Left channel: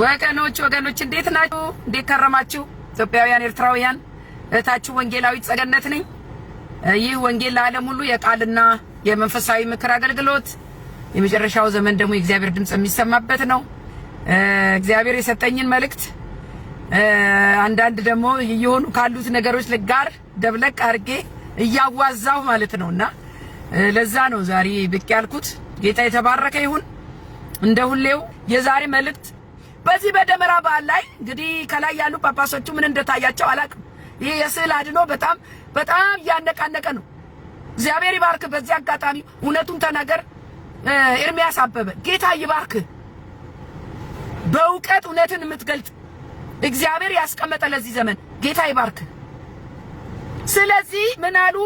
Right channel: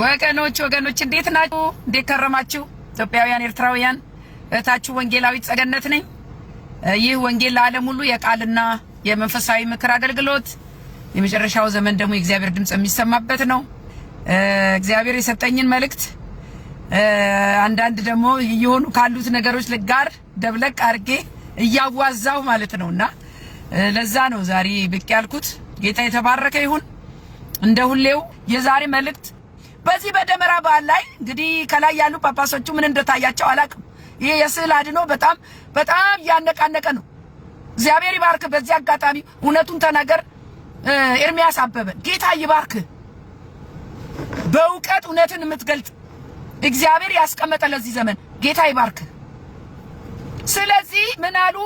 ወገኖች እንዴት ናችሁ? እንዴት ከረማችሁ? ኢትዮጵያውያን ኤርትራውያን እህታችሁ ወንጌላዊት ጸገነት ነኝ። ይህ ወንጌል ለዓለም ሁሉ የቃልና የመንፈሳዊ ምክር አገልግሎት የመጨረሻው ዘመን ደግሞ የእግዚአብሔር ድምጽ የሚሰማበት ነው። እግዚአብሔር የሰጠኝን መልእክት አንዳንድ ደግሞ ይሆኑ ካሉት ነገሮች ጋር ደብለቅ አድርጌ እያዋዛው ማለት ነውና ለዛ ነው ዛሬ ብቅ ያልኩት። ጌታ የተባረከ ይሁን። እንደ ሁሌው የዛሬ መልእክት በዚህ በደመራ በዓል ላይ እንግዲህ ከላይ ያሉ ጳጳሶቹ ምን እንደታያቸው አላቅም። ይሄ የስዕል አድኖ በጣም ያነቃነቀ ነው። እግዚአብሔር ይባርክ። በዚህ አጋጣሚ እውነቱን ተናገር ኤርሚያስ አበበ ጌታ ይባርክ። በእውቀት እውነትን የምትገልጥ እግዚአብሔር ያስቀመጠ ለዚህ ዘመን ጌታ ይባርክ። ስለዚህ ምን አሉ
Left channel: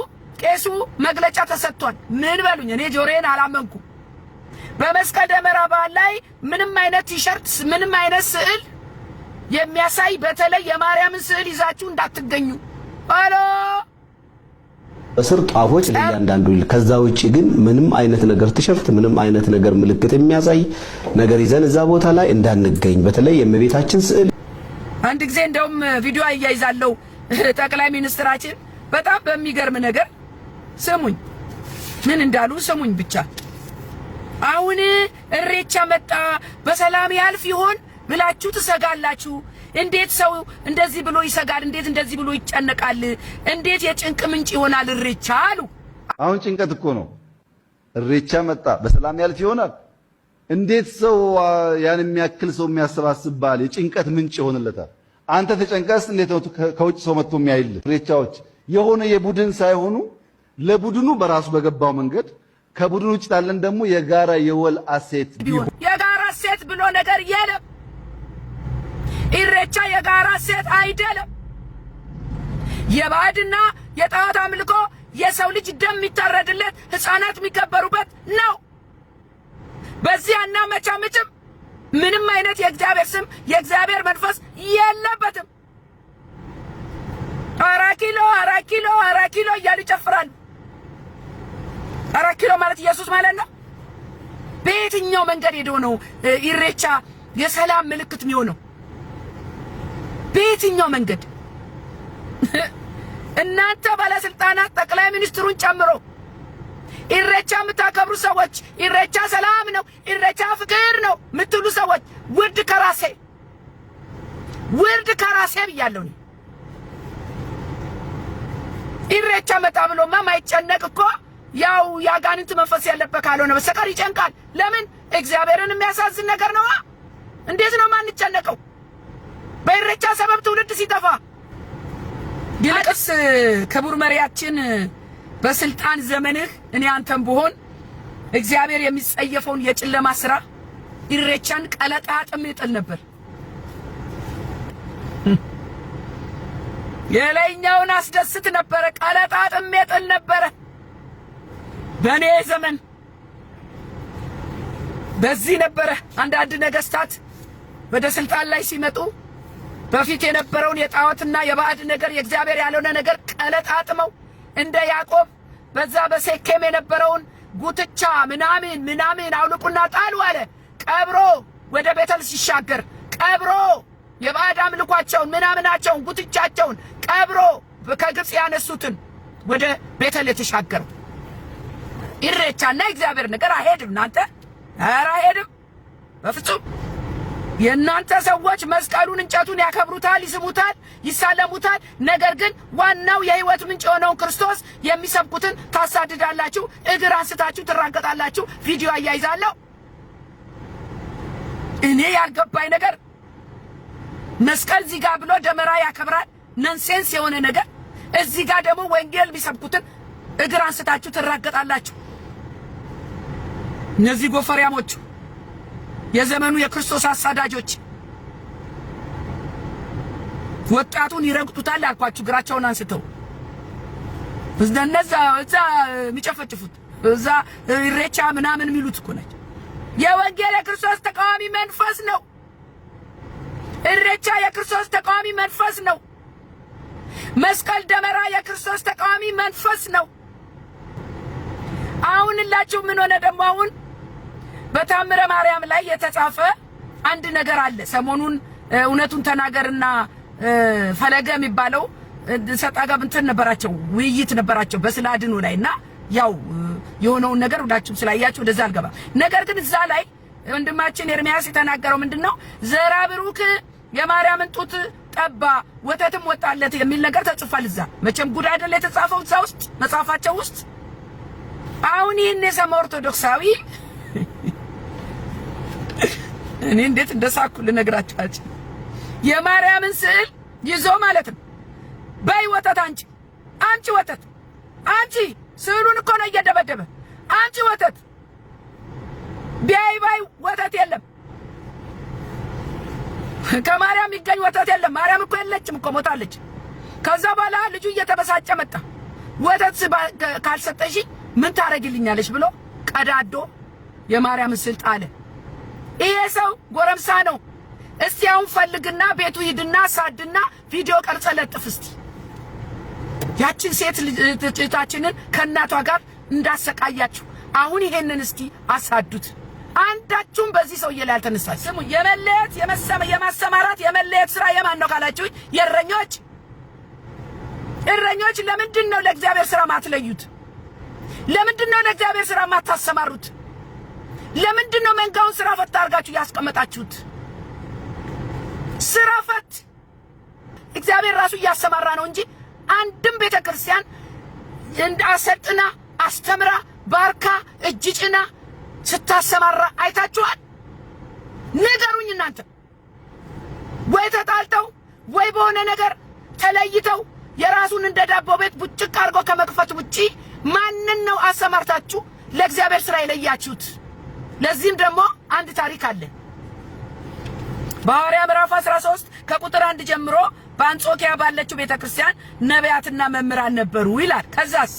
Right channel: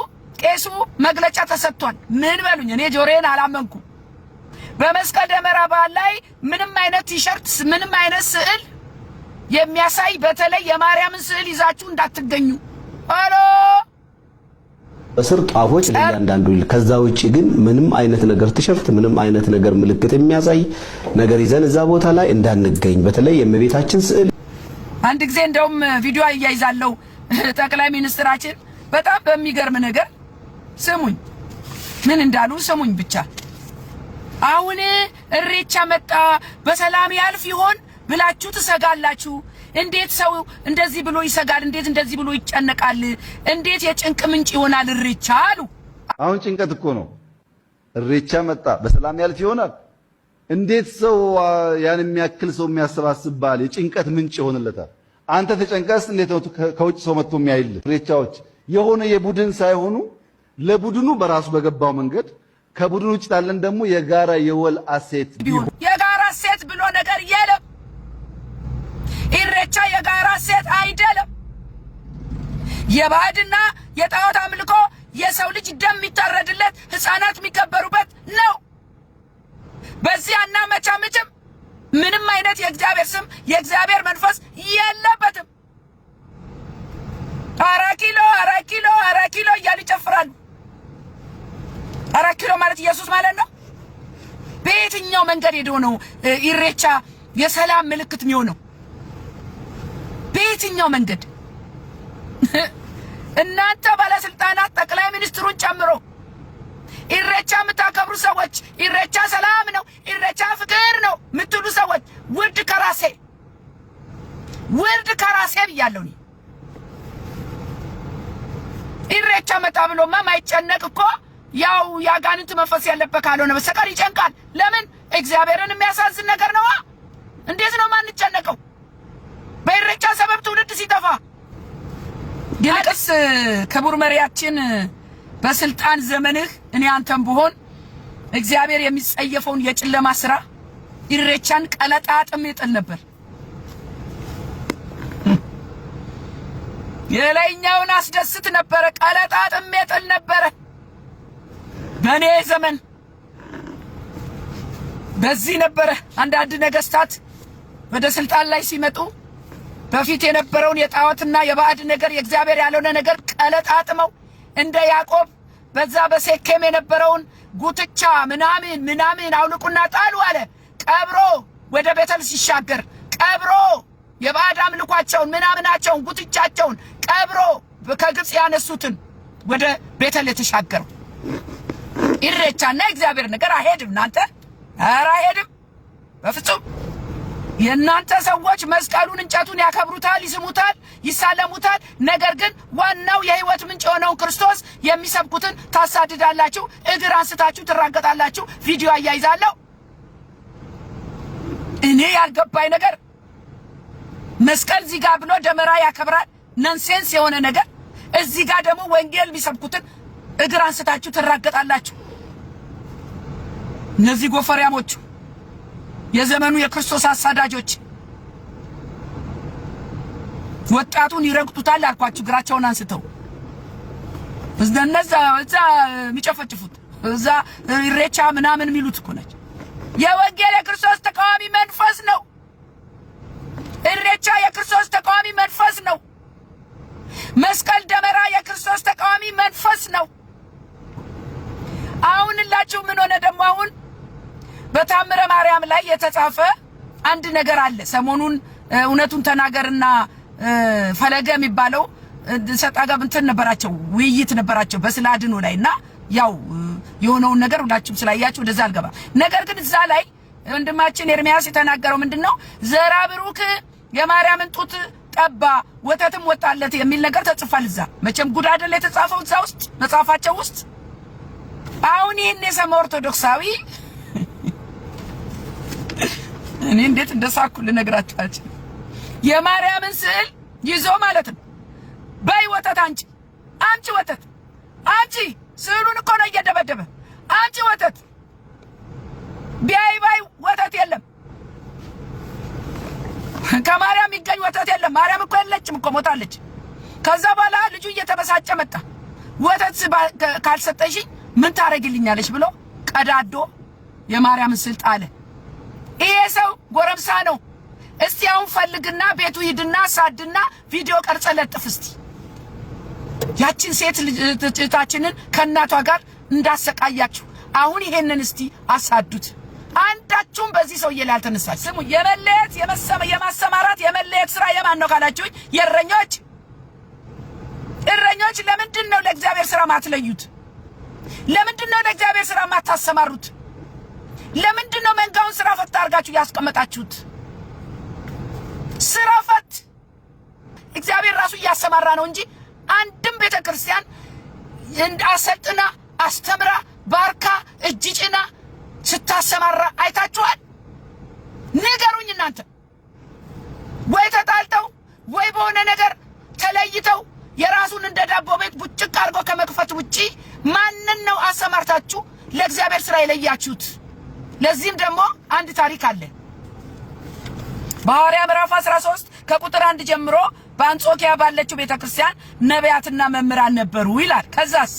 ቄሱ? መግለጫ ተሰጥቷል። ምን በሉኝ? እኔ ጆሮዬን አላመንኩ። በመስቀል ደመራ በዓል ላይ ምንም አይነት ቲሸርት ምንም አይነት ስዕል የሚያሳይ በተለይ የማርያምን ስዕል ይዛችሁ እንዳትገኙ አሎ በስር ጣፎች ለእያንዳንዱ ይል። ከዛ ውጪ ግን ምንም አይነት ነገር ቲሸርት ምንም አይነት ነገር ምልክት የሚያሳይ ነገር ይዘን እዛ ቦታ ላይ እንዳንገኝ። በተለይ የእመቤታችን ስዕል አንድ ጊዜ እንደውም ቪዲዮ አያይዛለሁ ጠቅላይ ሚኒስትራችን በጣም በሚገርም ነገር ስሙኝ፣ ምን እንዳሉ ስሙኝ ብቻ። አሁን እሬቻ መጣ በሰላም ያልፍ ይሆን ብላችሁ ትሰጋላችሁ። እንዴት ሰው እንደዚህ ብሎ ይሰጋል? እንዴት እንደዚህ ብሎ ይጨነቃል? እንዴት የጭንቅ ምንጭ ይሆናል እሬቻ አሉ። አሁን ጭንቀት እኮ ነው። እሬቻ መጣ በሰላም ያልፍ ይሆናል። እንዴት ሰው ያን የሚያክል ሰው የሚያሰባስብ በዓል የጭንቀት ምንጭ ይሆንለታል? አንተ ተጨንቀስ እንዴት ነው ከውጭ ሰው መጥቶ የሚያይልህ? እሬቻዎች የሆነ የቡድን ሳይሆኑ ለቡድኑ በራሱ በገባው መንገድ ከቡድኑ ውጭ ታለን ደግሞ የጋራ የወል አሴት ቢሆን የጋራ አሴት ብሎ ነገር የለም። ኢሬቻ የጋራ አሴት አይደለም። የባዕድና የጣዖት አምልኮ የሰው ልጅ ደም የሚታረድለት ሕፃናት የሚከበሩበት ነው። በዚህ አናመቻምጭም። ምንም አይነት የእግዚአብሔር ስም የእግዚአብሔር መንፈስ የለበትም። አራት ኪሎ እያሉ ይጨፍራሉ። 4 ኪሎ ማለት ኢየሱስ ማለት ነው። በየትኛው መንገድ ሄዶ ነው ኢሬቻ የሰላም ምልክት የሚሆነው? በየትኛው መንገድ? እናንተ ባለስልጣናት ጠቅላይ ሚኒስትሩን ጨምሮ ኢሬቻ የምታከብሩ ሰዎች ኢሬቻ ሰላም ነው፣ ኢሬቻ ፍቅር ነው የምትሉ ሰዎች ውርድ ከራሴ ብያለሁ። ኢሬቻ መጣ ብሎማ ማይጨነቅ እኮ ያው ያጋንንት መንፈስ ያለበት ካልሆነ በስተቀር ይጨንቃል። ለምን? እግዚአብሔርን የሚያሳዝን ነገር ነው። እንዴት ነው ማንጨነቀው? በኢሬቻ ሰበብ ትውልድ ሲጠፋ። ይልቅስ ክቡር መሪያችን በስልጣን ዘመንህ እኔ አንተም ብሆን እግዚአብሔር የሚጸየፈውን የጨለማ ስራ ኢሬቻን ቀለጣጥም ይጥል ነበር። የላይኛውን አስደስት ነበረ፣ ቀለጣጥም ይጥል ነበረ። በኔ ዘመን በዚህ ነበረ። አንዳንድ ነገስታት ወደ ስልጣን ላይ ሲመጡ በፊት የነበረውን የጣዖትና የባዕድ ነገር የእግዚአብሔር ያልሆነ ነገር ቀለጣጥመው እንደ ያዕቆብ በዛ በሴኬም የነበረውን ጉትቻ ምናምን አውልቁና ጣሉ አለ። ቀብሮ ወደ ቤተል ሲሻገር ቀብሮ የባዕድ አምልኳቸውን ምናምናቸውን ጉትቻቸውን ቀብሮ ከግብጽ ያነሱትን ወደ ቤተል የተሻገረው ኢሬቻና እግዚአብሔር ነገር አይሄድም። እናንተ ኧረ አይሄድም በፍጹም። የእናንተ ሰዎች መስቀሉን እንጨቱን ያከብሩታል፣ ይስሙታል፣ ይሳለሙታል። ነገር ግን ዋናው የህይወት ምንጭ የሆነውን ክርስቶስ የሚሰብኩትን ታሳድዳላችሁ፣ እግር አንስታችሁ ትራገጣላችሁ። ቪዲዮ አያይዛለሁ። እኔ ያልገባኝ ነገር መስቀል እዚህ ጋር ብሎ ደመራ ያከብራል፣ ነንሴንስ የሆነ ነገር። እዚህ ጋር ደግሞ ወንጌል የሚሰብኩትን እግር አንስታችሁ ትራገጣላችሁ። እነዚህ ጎፈሪያሞች የዘመኑ የክርስቶስ አሳዳጆች ወጣቱን ይረግጡታል አልኳችሁ። እግራቸውን አንስተው እዛ የሚጨፈጭፉት እዛ ኢሬቻ ምናምን የሚሉት እኮ ነች። የወንጌል የክርስቶስ ተቃዋሚ መንፈስ ነው። ኢሬቻ የክርስቶስ ተቃዋሚ መንፈስ ነው። መስቀል ደመራ የክርስቶስ ተቃዋሚ መንፈስ ነው። አሁንላችሁ ምን ሆነ ደግሞ? አሁን በታምረ ማርያም ላይ የተጻፈ አንድ ነገር አለ። ሰሞኑን እውነቱን ተናገርና ፈለገ የሚባለው ሰጣጋ እንትን ነበራቸው፣ ውይይት ነበራቸው በስለ አድኖ ላይና ያው የሆነውን ነገር ሁላችሁም ስላያችሁ ወደዛ አልገባ። ነገር ግን እዛ ላይ ወንድማችን ኤርሚያስ የተናገረው ምንድነው ዘራ ብሩክ የማርያምን ጡት ጠባ ወተትም ወጣለት የሚል ነገር ተጽፏል። እዛ መቼም ጉድ አይደለ የተጻፈው እዛ ውስጥ መጽሐፋቸው ውስጥ። አሁን ይሄን የሰማ ኦርቶዶክሳዊ እኔ እንዴት እንደሳኩ ልነግራችሁ አልችልም። የማርያምን ስዕል ይዞ ማለት ነው በይ ወተት አንቺ ወተት አንቺ ስዕሉን እኮ ነው እየደበደበ አንቺ ወተት ቢያይ ወተት የለም ከማርያም ይገኝ ወተት የለም። ማርያም እኮ የለችም እኮ ሞታለች። ከዛ በኋላ ልጁ እየተበሳጨ መጣ። ወተት ካልሰጠሽ ምን ታረግልኛለሽ ብሎ ቀዳዶ የማርያምን ስዕል ጣለ። ይሄ ሰው ጎረምሳ ነው። እስቲ አሁን ፈልግና ቤቱ ሂድና ሳድና ቪዲዮ ቀርጸ ለጥፍ እስቲ ያችን ሴት ልጅታችንን ከእናቷ ጋር እንዳሰቃያችሁ አሁን ይሄንን እስቲ አሳዱት። አንዳችሁም በዚህ ሰው ላይ አልተነሳች። ስሙ የመለየት የማሰማራት የመለየት ስራ የማን ነው ካላችሁ እረኞች ለምንድን ነው ለእግዚአብሔር ስራ ማትለዩት? ለምንድን ነው ለእግዚአብሔር ስራ ማታሰማሩት? ለምንድን ነው መንጋውን ስራ ፈት አድርጋችሁ ያስቀመጣችሁት? ስራ ፈት እግዚአብሔር ራሱ እያሰማራ ነው እንጂ አንድም ቤተክርስቲያን እንዳሰጥና አስተምራ ባርካ እጅ ጭና ስታሰማራ አይታችኋል? ንገሩኝ እናንተ። ወይ ተጣልተው ወይ በሆነ ነገር ተለይተው የራሱን እንደ ዳቦ ቤት ቡጭቅ አድርጎ ከመክፈት ውጪ ማንን ነው አሰማርታችሁ ለእግዚአብሔር ስራ የለያችሁት? ለዚህም ደግሞ አንድ ታሪክ አለ። በሐዋርያት ምዕራፍ 13 ከቁጥር 1 ጀምሮ በአንጾኪያ ባለችው ቤተክርስቲያን ነቢያትና መምህራን ነበሩ ይላል። ከዛስ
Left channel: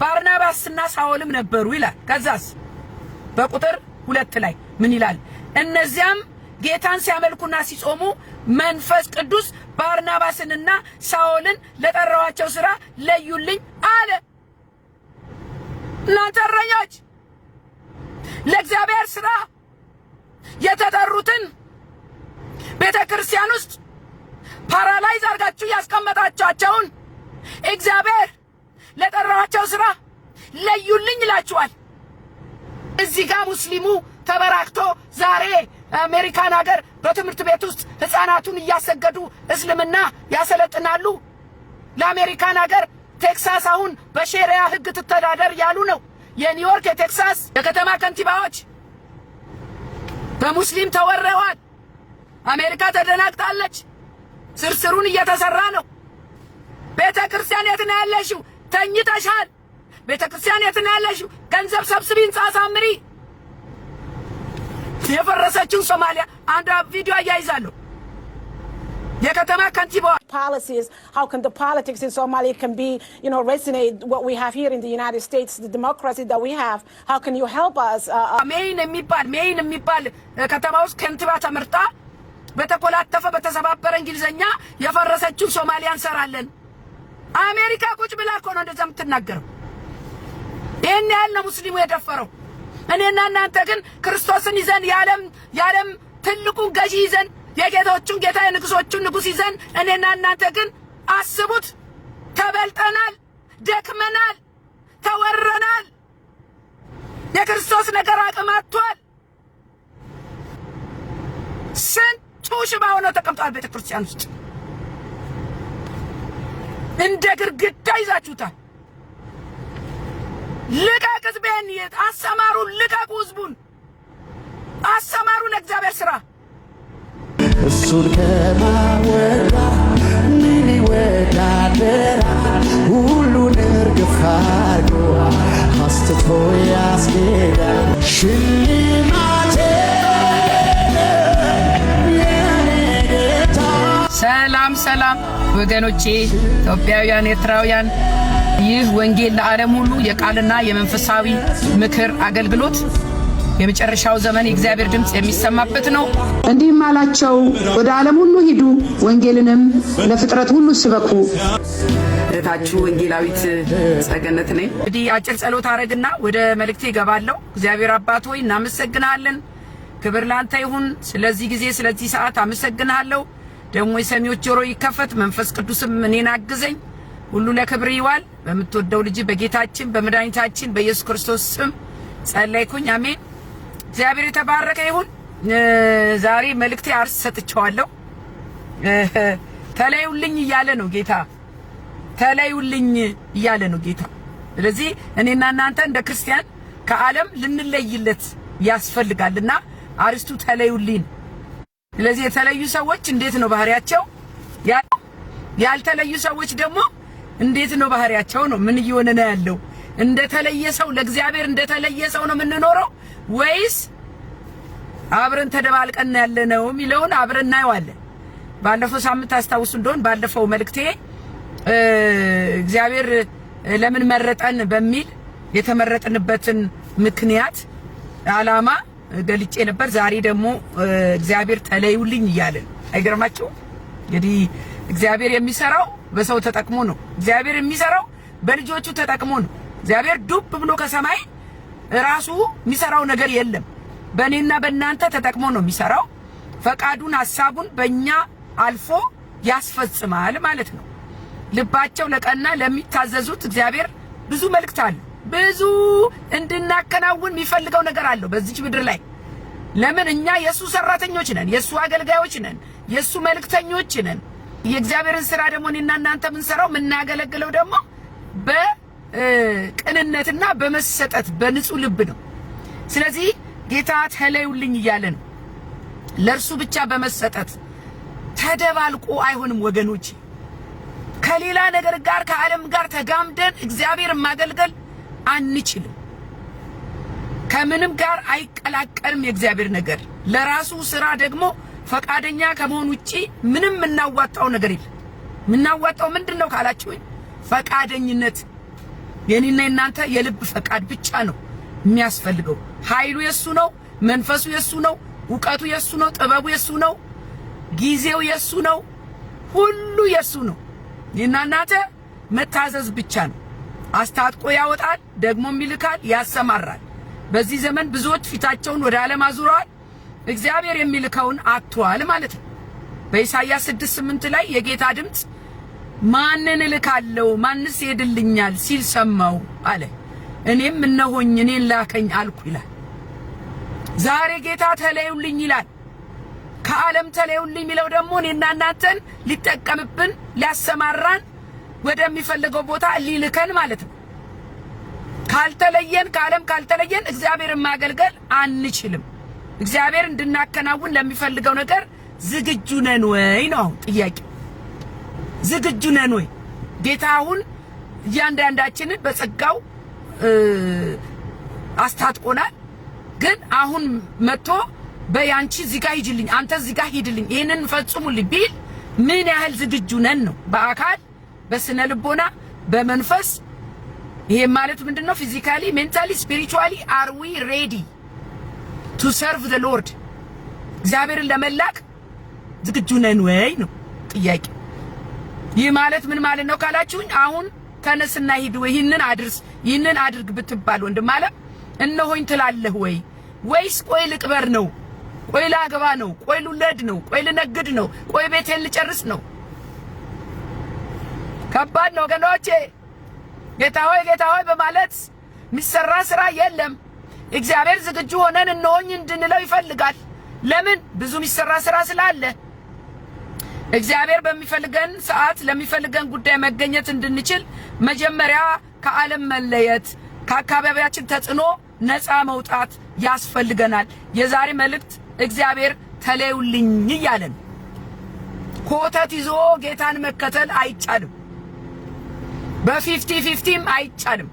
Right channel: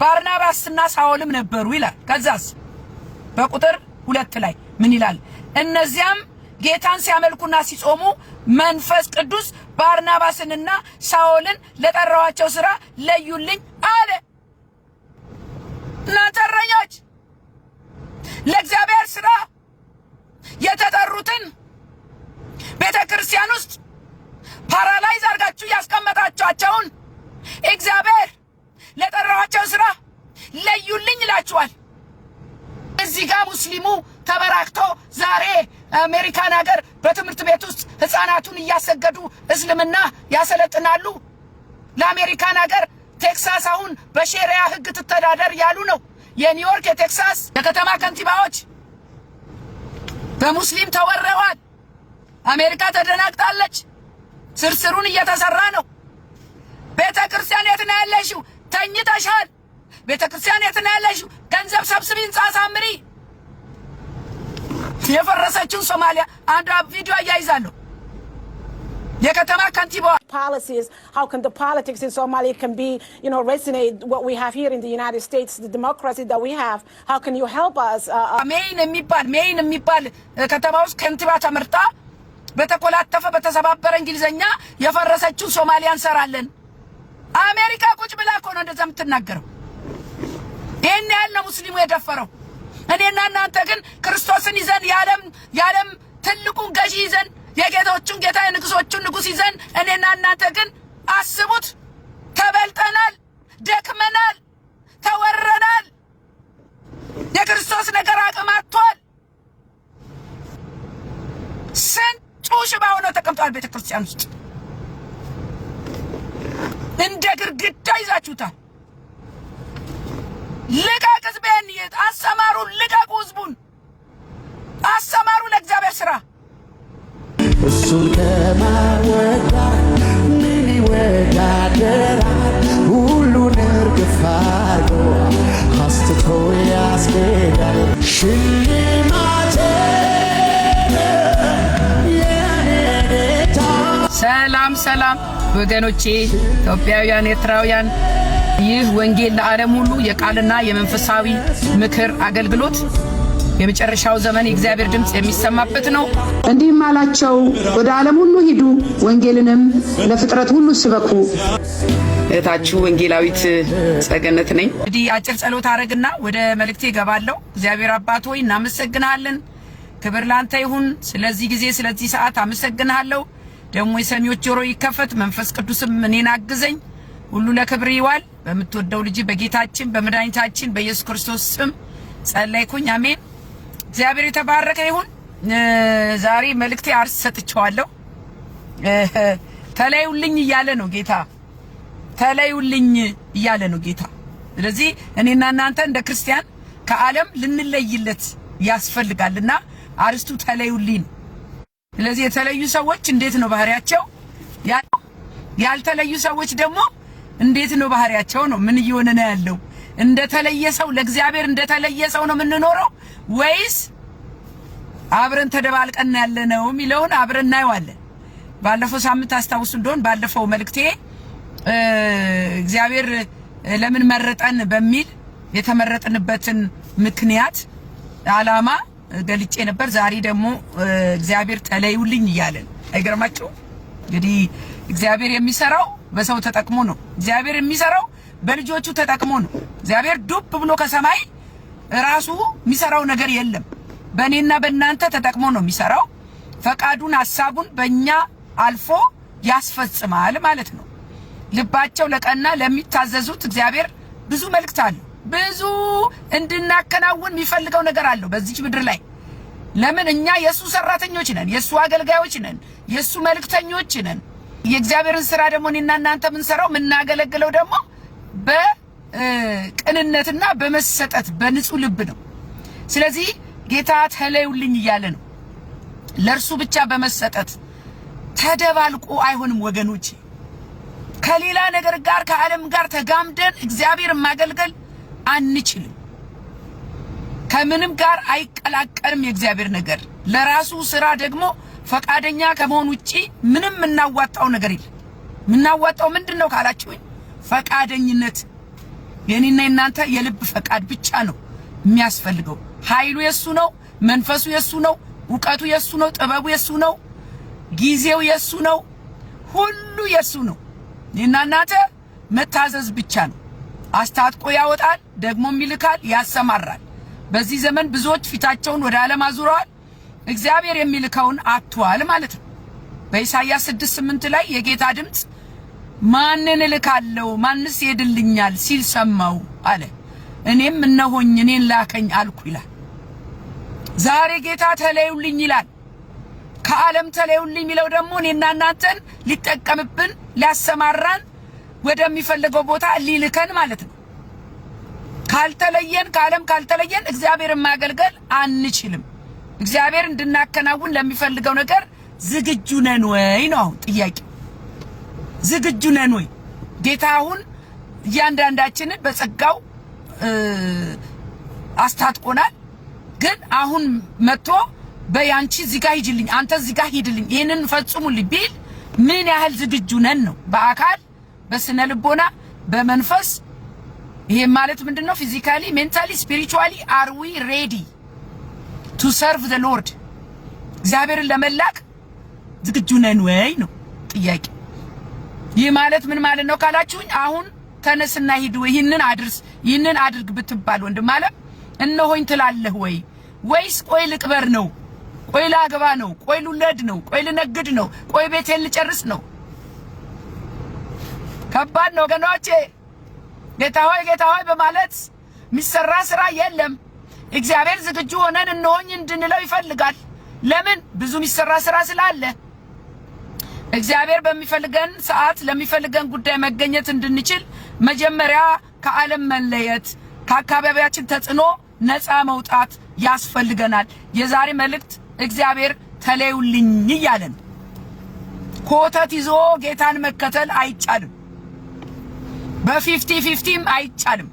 ባርናባስና ሳውልም ነበሩ ይላል። ከዛስ በቁጥር 2 ላይ ምን ይላል? እነዚያም ጌታን ሲያመልኩና ሲጾሙ መንፈስ ቅዱስ ባርናባስንና ሳውልን ለጠራዋቸው ስራ ለዩልኝ አለ። እናንተ እረኞች ለእግዚአብሔር ስራ የተጠሩትን ቤተክርስቲያን ውስጥ ፓራላይዝ አድርጋችሁ ያስቀመጣችኋቸውን እግዚአብሔር ለጠራዋቸው ስራ ለዩልኝ ይላችኋል። እዚህ ጋር ሙስሊሙ ተበራክቶ ዛሬ አሜሪካን ሀገር በትምህርት ቤት ውስጥ ህፃናቱን እያሰገዱ እስልምና ያሰለጥናሉ። ለአሜሪካን ሀገር ቴክሳስ አሁን በሸሪያ ህግ ትተዳደር ያሉ ነው። የኒውዮርክ የቴክሳስ የከተማ ከንቲባዎች በሙስሊም ተወረዋል። አሜሪካ ተደናግጣለች። ስርስሩን እየተሰራ ነው። ቤተክርስቲያን የት ነው ያለሽው? ተኝተሻል። ቤተክርስቲያን የት ነው ያለሽው? ገንዘብ ሰብስቢ፣ ህንጻ አሳምሪ። የፈረሰችው ሶማሊያ አንድ ቪዲዮ አያይዛለሁ። የከተማ ከንቲባ policies, how can the politics in Somalia can be, resonate what we have here in the United States, the democracy that we have? How can you help us? ሜይን የሚባል ከተማ ውስጥ ከንቲባ ተመርጣ በተቆላጠፈ በተሰባበረ እንግሊዘኛ የፈረሰችው ሶማሊያ እንሰራለን። አሜሪካ ቁጭ ብላ እኮ ነው እንደዛ የምትናገረው። ይሄን ያህል ነው ሙስሊሙ የደፈረው። እኔና እናንተ ግን ክርስቶስን ይዘን የዓለም ትልቁን ገዢ ይዘን የጌቶቹን ጌታ የንጉሶቹን ንጉስ ይዘን እኔና እናንተ ግን አስቡት፣ ተበልጠናል፣ ደክመናል፣ ተወረናል። የክርስቶስ ነገር አቅም አጥቷል። ስንቱ ሽባ ሆኖ ተቀምጧል ቤተክርስቲያን ውስጥ። እንደ ግርግዳ ይዛችሁታል። ልቀቅ ህዝቤን፣ አሰማሩ፣ ልቀቁ ህዝቡን፣ አሰማሩ ለእግዚአብሔር ስራ። እሱን ከማወዳ ምን ይወዳደራል? ሁሉን እርግፍ አድርጎ አስትቶ ያስኬዳል። ሽልማቴ የኔ ጌታ። ሰላም ወገኖቼ፣ ኢትዮጵያውያን፣ ኤርትራውያን፣ ይህ ወንጌል ለዓለም ሁሉ የቃልና የመንፈሳዊ ምክር አገልግሎት የመጨረሻው ዘመን የእግዚአብሔር ድምጽ የሚሰማበት ነው። እንዲህም አላቸው፣ ወደ ዓለም ሁሉ ሂዱ፣ ወንጌልንም ለፍጥረት ሁሉ ስበኩ። እህታችሁ ወንጌላዊት ጸገነት ነኝ። እንግዲህ አጭር ጸሎት አረግና ወደ መልእክቴ እገባለሁ። እግዚአብሔር አባት ሆይ እናመሰግናለን። ክብር ላንተ ይሁን። ስለዚህ ጊዜ ስለዚህ ሰዓት አመሰግናለሁ። ደግሞ የሰሚዎች ጆሮ ይከፈት፣ መንፈስ ቅዱስም እኔን አግዘኝ። ሁሉ ለክብር ይዋል። በምትወደው ልጅ በጌታችን በመድኃኒታችን በኢየሱስ ክርስቶስ ስም ጸለይኩኝ። አሜን። እግዚአብሔር የተባረከ ይሁን። ዛሬ መልእክቴ አርስ ሰጥቻለሁ። ተለዩልኝ እያለ ነው ጌታ። ተለዩልኝ እያለ ነው ጌታ። ስለዚህ እኔና እናንተ እንደ ክርስቲያን ከዓለም ልንለይለት ያስፈልጋልና አርስቱ ተለዩልኝ። ስለዚህ የተለዩ ሰዎች እንዴት ነው ባህሪያቸው? ያልተለዩ ሰዎች ደግሞ እንዴት ነው ባህሪያቸው? ነው ምን እየሆነ ነው ያለው? እንደተለየ ሰው ለእግዚአብሔር እንደተለየ ሰው ነው የምንኖረው ወይስ አብረን ተደባልቀን ያለነው የሚለውን አብረን እናየዋለን። ባለፈው ሳምንት አስታውሱ እንደሆነ ባለፈው መልእክቴ እግዚአብሔር ለምን መረጠን በሚል የተመረጥንበትን ምክንያት ዓላማ ገልጬ ነበር። ዛሬ ደግሞ እግዚአብሔር ተለዩልኝ እያለን አይገርማችሁ? እንግዲህ እግዚአብሔር የሚሰራው በሰው ተጠቅሞ ነው። እግዚአብሔር የሚሰራው በልጆቹ ተጠቅሞ ነው። እግዚአብሔር ዱብ ብሎ ከሰማይ ራሱ የሚሰራው ነገር የለም። በእኔና በእናንተ ተጠቅሞ ነው የሚሰራው። ፈቃዱን ሐሳቡን በእኛ አልፎ ያስፈጽማል ማለት ነው። ልባቸው ለቀና ለሚታዘዙት እግዚአብሔር ብዙ መልእክት አለ። ብዙ እንድናከናውን የሚፈልገው ነገር አለው በዚች ምድር ላይ። ለምን እኛ የሱ ሰራተኞች ነን፣ የሱ አገልጋዮች ነን፣ የሱ መልእክተኞች ነን። የእግዚአብሔርን ስራ ደግሞ እኔና እናንተ የምንሰራው የምናገለግለው ደግሞ በቅንነትና በመሰጠት በንጹህ ልብ ነው። ስለዚህ ጌታ ተለዩልኝ እያለ ነው። ለእርሱ ብቻ በመሰጠት ተደባልቆ አይሆንም ወገኖች። ከሌላ ነገር ጋር ከዓለም ጋር ተጋምደን እግዚአብሔር ማገልገል አንችልም። ከምንም ጋር አይቀላቀልም የእግዚአብሔር ነገር። ለራሱ ስራ ደግሞ ፈቃደኛ ከመሆን ውጪ ምንም እናዋጣው ነገር የለም። ምናዋጣው ምንድነው ካላችሁኝ፣ ፈቃደኝነት። የኔና የናንተ የልብ ፈቃድ ብቻ ነው የሚያስፈልገው። ኃይሉ የሱ ነው፣ መንፈሱ የሱ ነው፣ ዕውቀቱ የሱ ነው፣ ጥበቡ የሱ ነው፣ ጊዜው የሱ ነው፣ ሁሉ የሱ ነው። እኔና እናንተ መታዘዝ ብቻ ነው። አስታጥቆ ያወጣል፣ ደግሞም ይልካል፣ ያሰማራል። በዚህ ዘመን ብዙዎች ፊታቸውን ወደ ዓለም አዙረዋል፣ እግዚአብሔር የሚልከውን አጥተዋል ማለት ነው። በኢሳይያስ 6:8 ላይ የጌታ ድምጽ ማንን እልካለሁ ማንስ ይሄድልኛል ሲል ሰማው አለ። እኔም እነሆኝ እኔን ላከኝ አልኩ ይላል። ዛሬ ጌታ ተለዩልኝ ይላል። ከዓለም ተለዩልኝ የሚለው ደግሞ እኔና እናንተን ሊጠቀምብን ሊያሰማራን ወደሚፈልገው ቦታ ሊልከን ማለት ነው። ካልተለየን ከዓለም ካልተለየን እግዚአብሔርን ማገልገል አንችልም። እግዚአብሔር እንድናከናውን ለሚፈልገው ነገር ዝግጁ ነን ወይ ነው አሁን ጥያቄ። ዝግጁ ነን ወይ? ጌታ አሁን እያንዳንዳችንን በጸጋው አስታጥቆናል። ግን አሁን መጥቶ በያንቺ እዚህ ጋር ሂጂልኝ፣ አንተ እዚህ ጋር ሂድልኝ፣ ይሄንን ፈጽሙልኝ ቢል ምን ያህል ዝግጁ ነን ነው? በአካል በስነ ልቦና በመንፈስ። ይሄ ማለት ምንድነው? ፊዚካሊ ሜንታሊ ስፒሪቹዋሊ አር ዊ ሬዲ ቱ ሰርቭ ዘ ሎርድ? እግዚአብሔርን ለመላክ ዝግጁ ነን ወይ ነው ጥያቄ። ይህ ማለት ምን ማለት ነው ካላችሁኝ፣ አሁን ተነስና ሂድ ወይ ይህንን አድርስ ይህንን አድርግ ብትባል ወንድም አለ እነሆኝ ትላለህ ወይ? ወይስ ቆይ ልቅበር ነው፣ ቆይ ላግባ ነው፣ ቆይ ልውለድ ነው፣ ቆይ ልነግድ ነው፣ ቆይ ቤቴን ልጨርስ ነው? ከባድ ነው ወገኖቼ። ጌታ ሆይ በማለት የሚሰራ ስራ የለም። እግዚአብሔር ዝግጁ ሆነን እነሆኝ እንድንለው ይፈልጋል። ለምን? ብዙ የሚሰራ ስራ ስላለ። እግዚአብሔር በሚፈልገን ሰዓት ለሚፈልገን ጉዳይ መገኘት እንድንችል መጀመሪያ ከዓለም መለየት፣ ከአካባቢያችን ተጽዕኖ ነፃ መውጣት ያስፈልገናል። የዛሬ መልእክት እግዚአብሔር ተለዩልኝ እያለን ኮተት ይዞ ጌታን መከተል አይቻልም። በ50-50ም አይቻልም።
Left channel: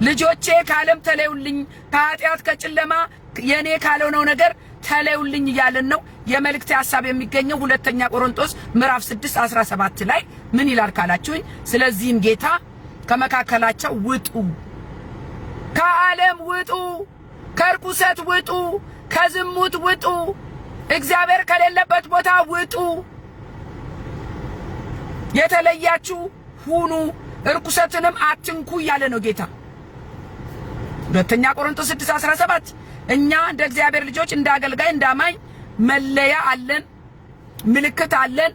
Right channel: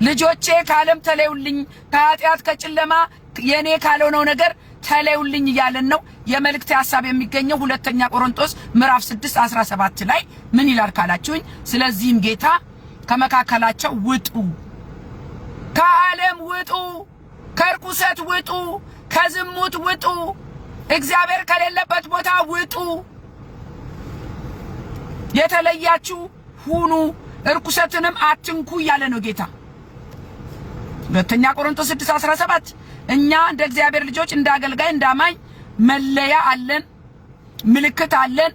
ልጆቼ ከዓለም ተለዩልኝ፣ ከኃጢአት ከጨለማ የኔ ካልሆነው ነገር ተለዩልኝ እያለን ነው። የመልእክት ሐሳብ የሚገኘው ሁለተኛ ቆሮንቶስ ምዕራፍ 6:17 ላይ ምን ይላል ካላችሁኝ፣ ስለዚህም ጌታ ከመካከላቸው ውጡ፣ ከዓለም ውጡ፣ ከርኩሰት ውጡ፣ ከዝሙት ውጡ፣ እግዚአብሔር ከሌለበት ቦታ ውጡ፣ የተለያችሁ ሁኑ፣ እርኩሰትንም አትንኩ እያለ ነው ጌታ። ሁለተኛ ቆሮንቶስ 6:17 እኛ እንደ እግዚአብሔር ልጆች እንደ አገልጋይ እንዳማኝ መለያ አለን፣ ምልክት አለን፣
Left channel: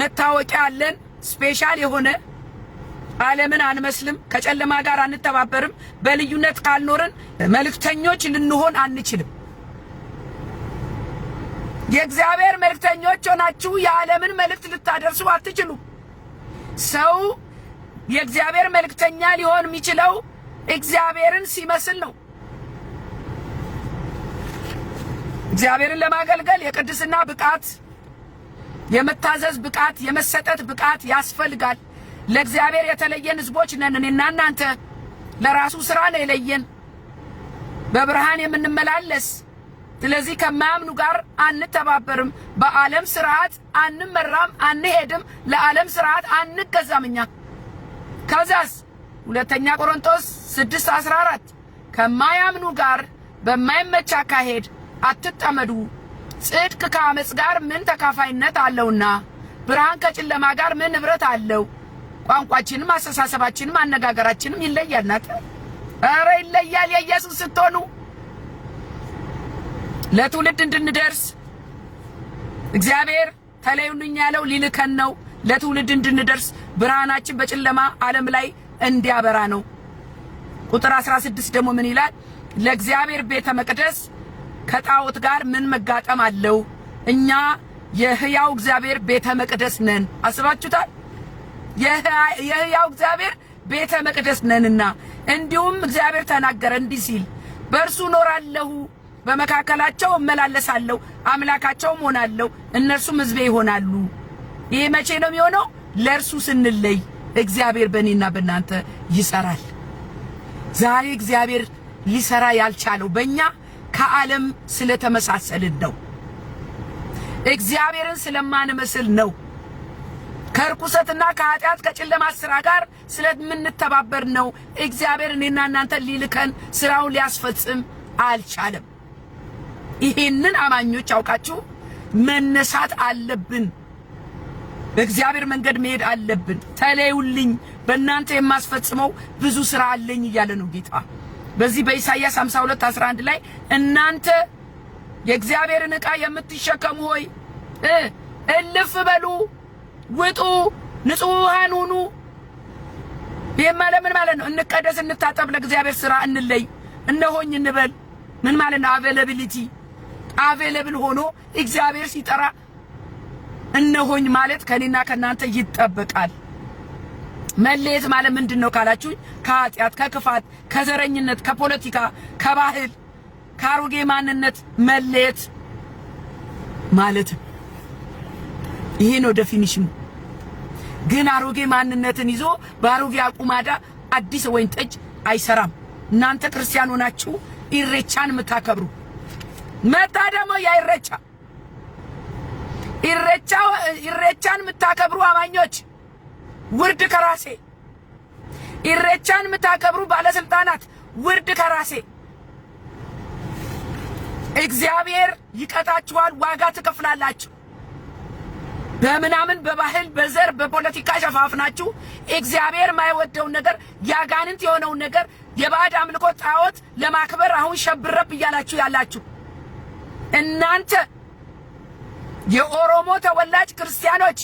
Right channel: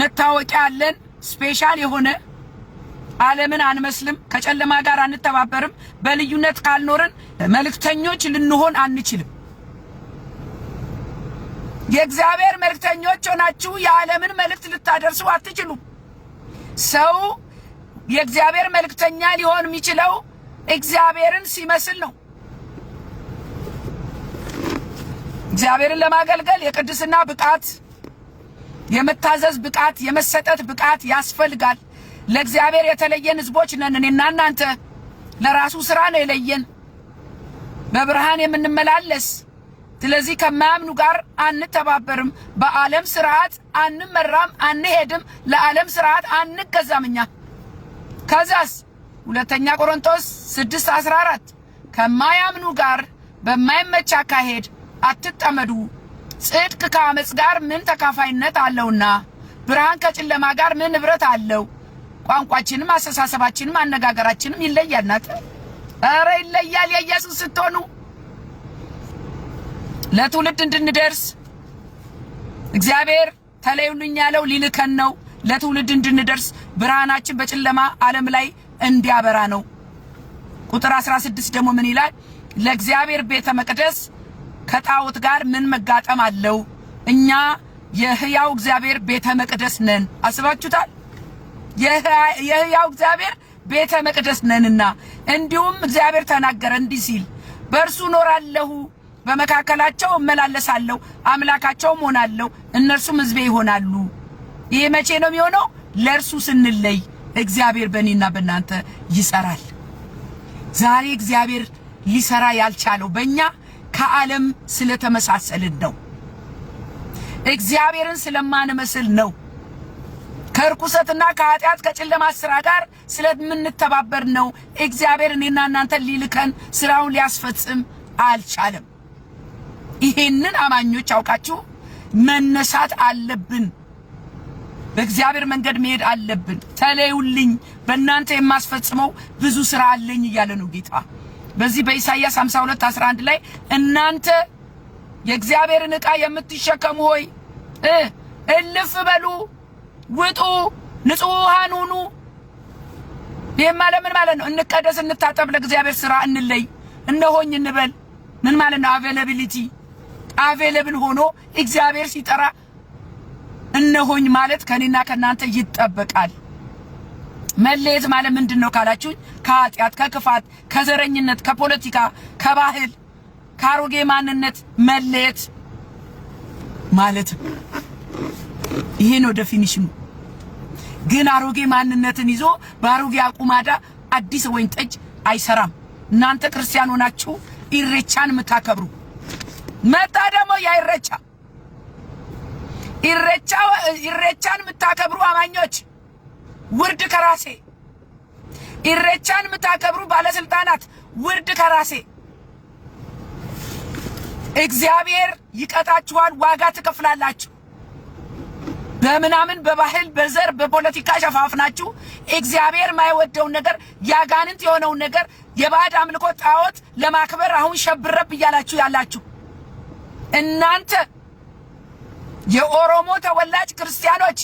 መታወቂያ አለን። ስፔሻል የሆነ ዓለምን አንመስልም፣ ከጨለማ ጋር አንተባበርም። በልዩነት ካልኖርን መልእክተኞች ልንሆን አንችልም። የእግዚአብሔር መልእክተኞች ሆናችሁ የዓለምን መልእክት ልታደርሱ አትችሉም። ሰው የእግዚአብሔር መልእክተኛ ሊሆን የሚችለው እግዚአብሔርን ሲመስል ነው። እግዚአብሔርን ለማገልገል የቅድስና ብቃት፣ የመታዘዝ ብቃት፣ የመሰጠት ብቃት ያስፈልጋል። ለእግዚአብሔር የተለየን ሕዝቦች ነን። እኔና እናንተ ለራሱ ሥራ ነው የለየን፣ በብርሃን የምንመላለስ። ስለዚህ ከማያምኑ ጋር አንተባበርም፣ በዓለም ሥርዓት አንመራም፣ አንሄድም፣ ለዓለም ሥርዓት አንገዛም እኛ። ከዛስ 2ኛ ቆሮንቶስ 6:14 ከማያምኑ ጋር በማይመች አካሄድ አትጠመዱ፣ ጽድቅ ከአመጽ ጋር ምን ተካፋይነት አለውና፣ ብርሃን ከጨለማ ጋር ምን ንብረት አለው? ቋንቋችንም አስተሳሰባችንም አነጋገራችንም ይለያል። ናት ኧረ ይለያል። የኢየሱስ ስትሆኑ ለትውልድ እንድንደርስ እግዚአብሔር ተለዩልኝ ያለው ሊልከን ነው። ለትውልድ እንድንደርስ ብርሃናችን በጨለማ ዓለም ላይ እንዲያበራ ነው። ቁጥር 16 ደግሞ ምን ይላል? ለእግዚአብሔር ቤተ መቅደስ ከጣዖት ጋር ምን መጋጠም አለው? እኛ የሕያው እግዚአብሔር ቤተ መቅደስ ነን። አስባችሁታል? የሕያው እግዚአብሔር ቤተ መቅደስ ነንና። እንዲሁም እግዚአብሔር ተናገረ እንዲህ ሲል፣ በእርሱ እኖራለሁ፣ በመካከላቸው እመላለሳለሁ፣ አምላካቸውም ሆናለሁ፣ እነርሱም ሕዝቤ ይሆናሉ። ይህ መቼ ነው የሚሆነው? ለእርሱ ስንለይ እግዚአብሔር በእኔና በእናንተ ይሰራል። ዛሬ እግዚአብሔር ሊሰራ ያልቻለው በእኛ ከዓለም ስለተመሳሰልን ነው። እግዚአብሔርን ስለማንመስል ነው። ከርኩሰትና ከኃጢአት ከጨለማ ሥራ ጋር ስለምንተባበር ነው። እግዚአብሔር እኔና እናንተ ሊልከን ሥራውን ሊያስፈጽም አልቻለም። ይሄንን አማኞች አውቃችሁ መነሳት አለብን። በእግዚአብሔር መንገድ መሄድ አለብን። ተለዩልኝ፣ በእናንተ የማስፈጽመው ብዙ ሥራ አለኝ እያለ ነው ጌታ። በዚህ በኢሳይያስ 52:11 ላይ እናንተ የእግዚአብሔርን ዕቃ የምትሸከሙ ሆይ እልፍ በሉ፣ ውጡ፣ ንጹሐን ሁኑ። ይሄማ ለምን ማለት ነው? እንቀደስ፣ እንታጠብ፣ ለእግዚአብሔር ሥራ እንለይ፣ እነሆኝ እንበል። ምን ማለት ነው? አቬላቢሊቲ አቬለብል ሆኖ እግዚአብሔር ሲጠራ እነሆኝ ማለት ከኔና ከናንተ ይጠበቃል። መለየት ማለት ምንድነው ካላችሁኝ፣ ከኃጢአት፣ ከክፋት፣ ከዘረኝነት፣ ከፖለቲካ፣ ከባህል፣ ከአሮጌ ማንነት መለየት ማለት ይሄ ነው ዴፊኒሽኑ። ግን አሮጌ ማንነትን ይዞ በአሮጌ አቁማዳ አዲስ ወይን ጠጅ አይሰራም። እናንተ ክርስቲያን ሆናችሁ ኢሬቻን የምታከብሩ መጣ ደግሞ ኢሬቻን የምታከብሩ አማኞች ውርድ ከራሴ። ኢሬቻን የምታከብሩ ባለስልጣናት ውርድ ከራሴ። እግዚአብሔር ይቀጣችኋል፣ ዋጋ ትከፍላላችሁ። በምናምን በባህል በዘር በፖለቲካ ሸፋፍናችሁ እግዚአብሔር የማይወደውን ነገር ያጋንንት የሆነውን ነገር የባዕድ አምልኮ ጣዖት ለማክበር አሁን ሸብረብ እያላችሁ ያላችሁ እናንተ የኦሮሞ ተወላጅ ክርስቲያኖች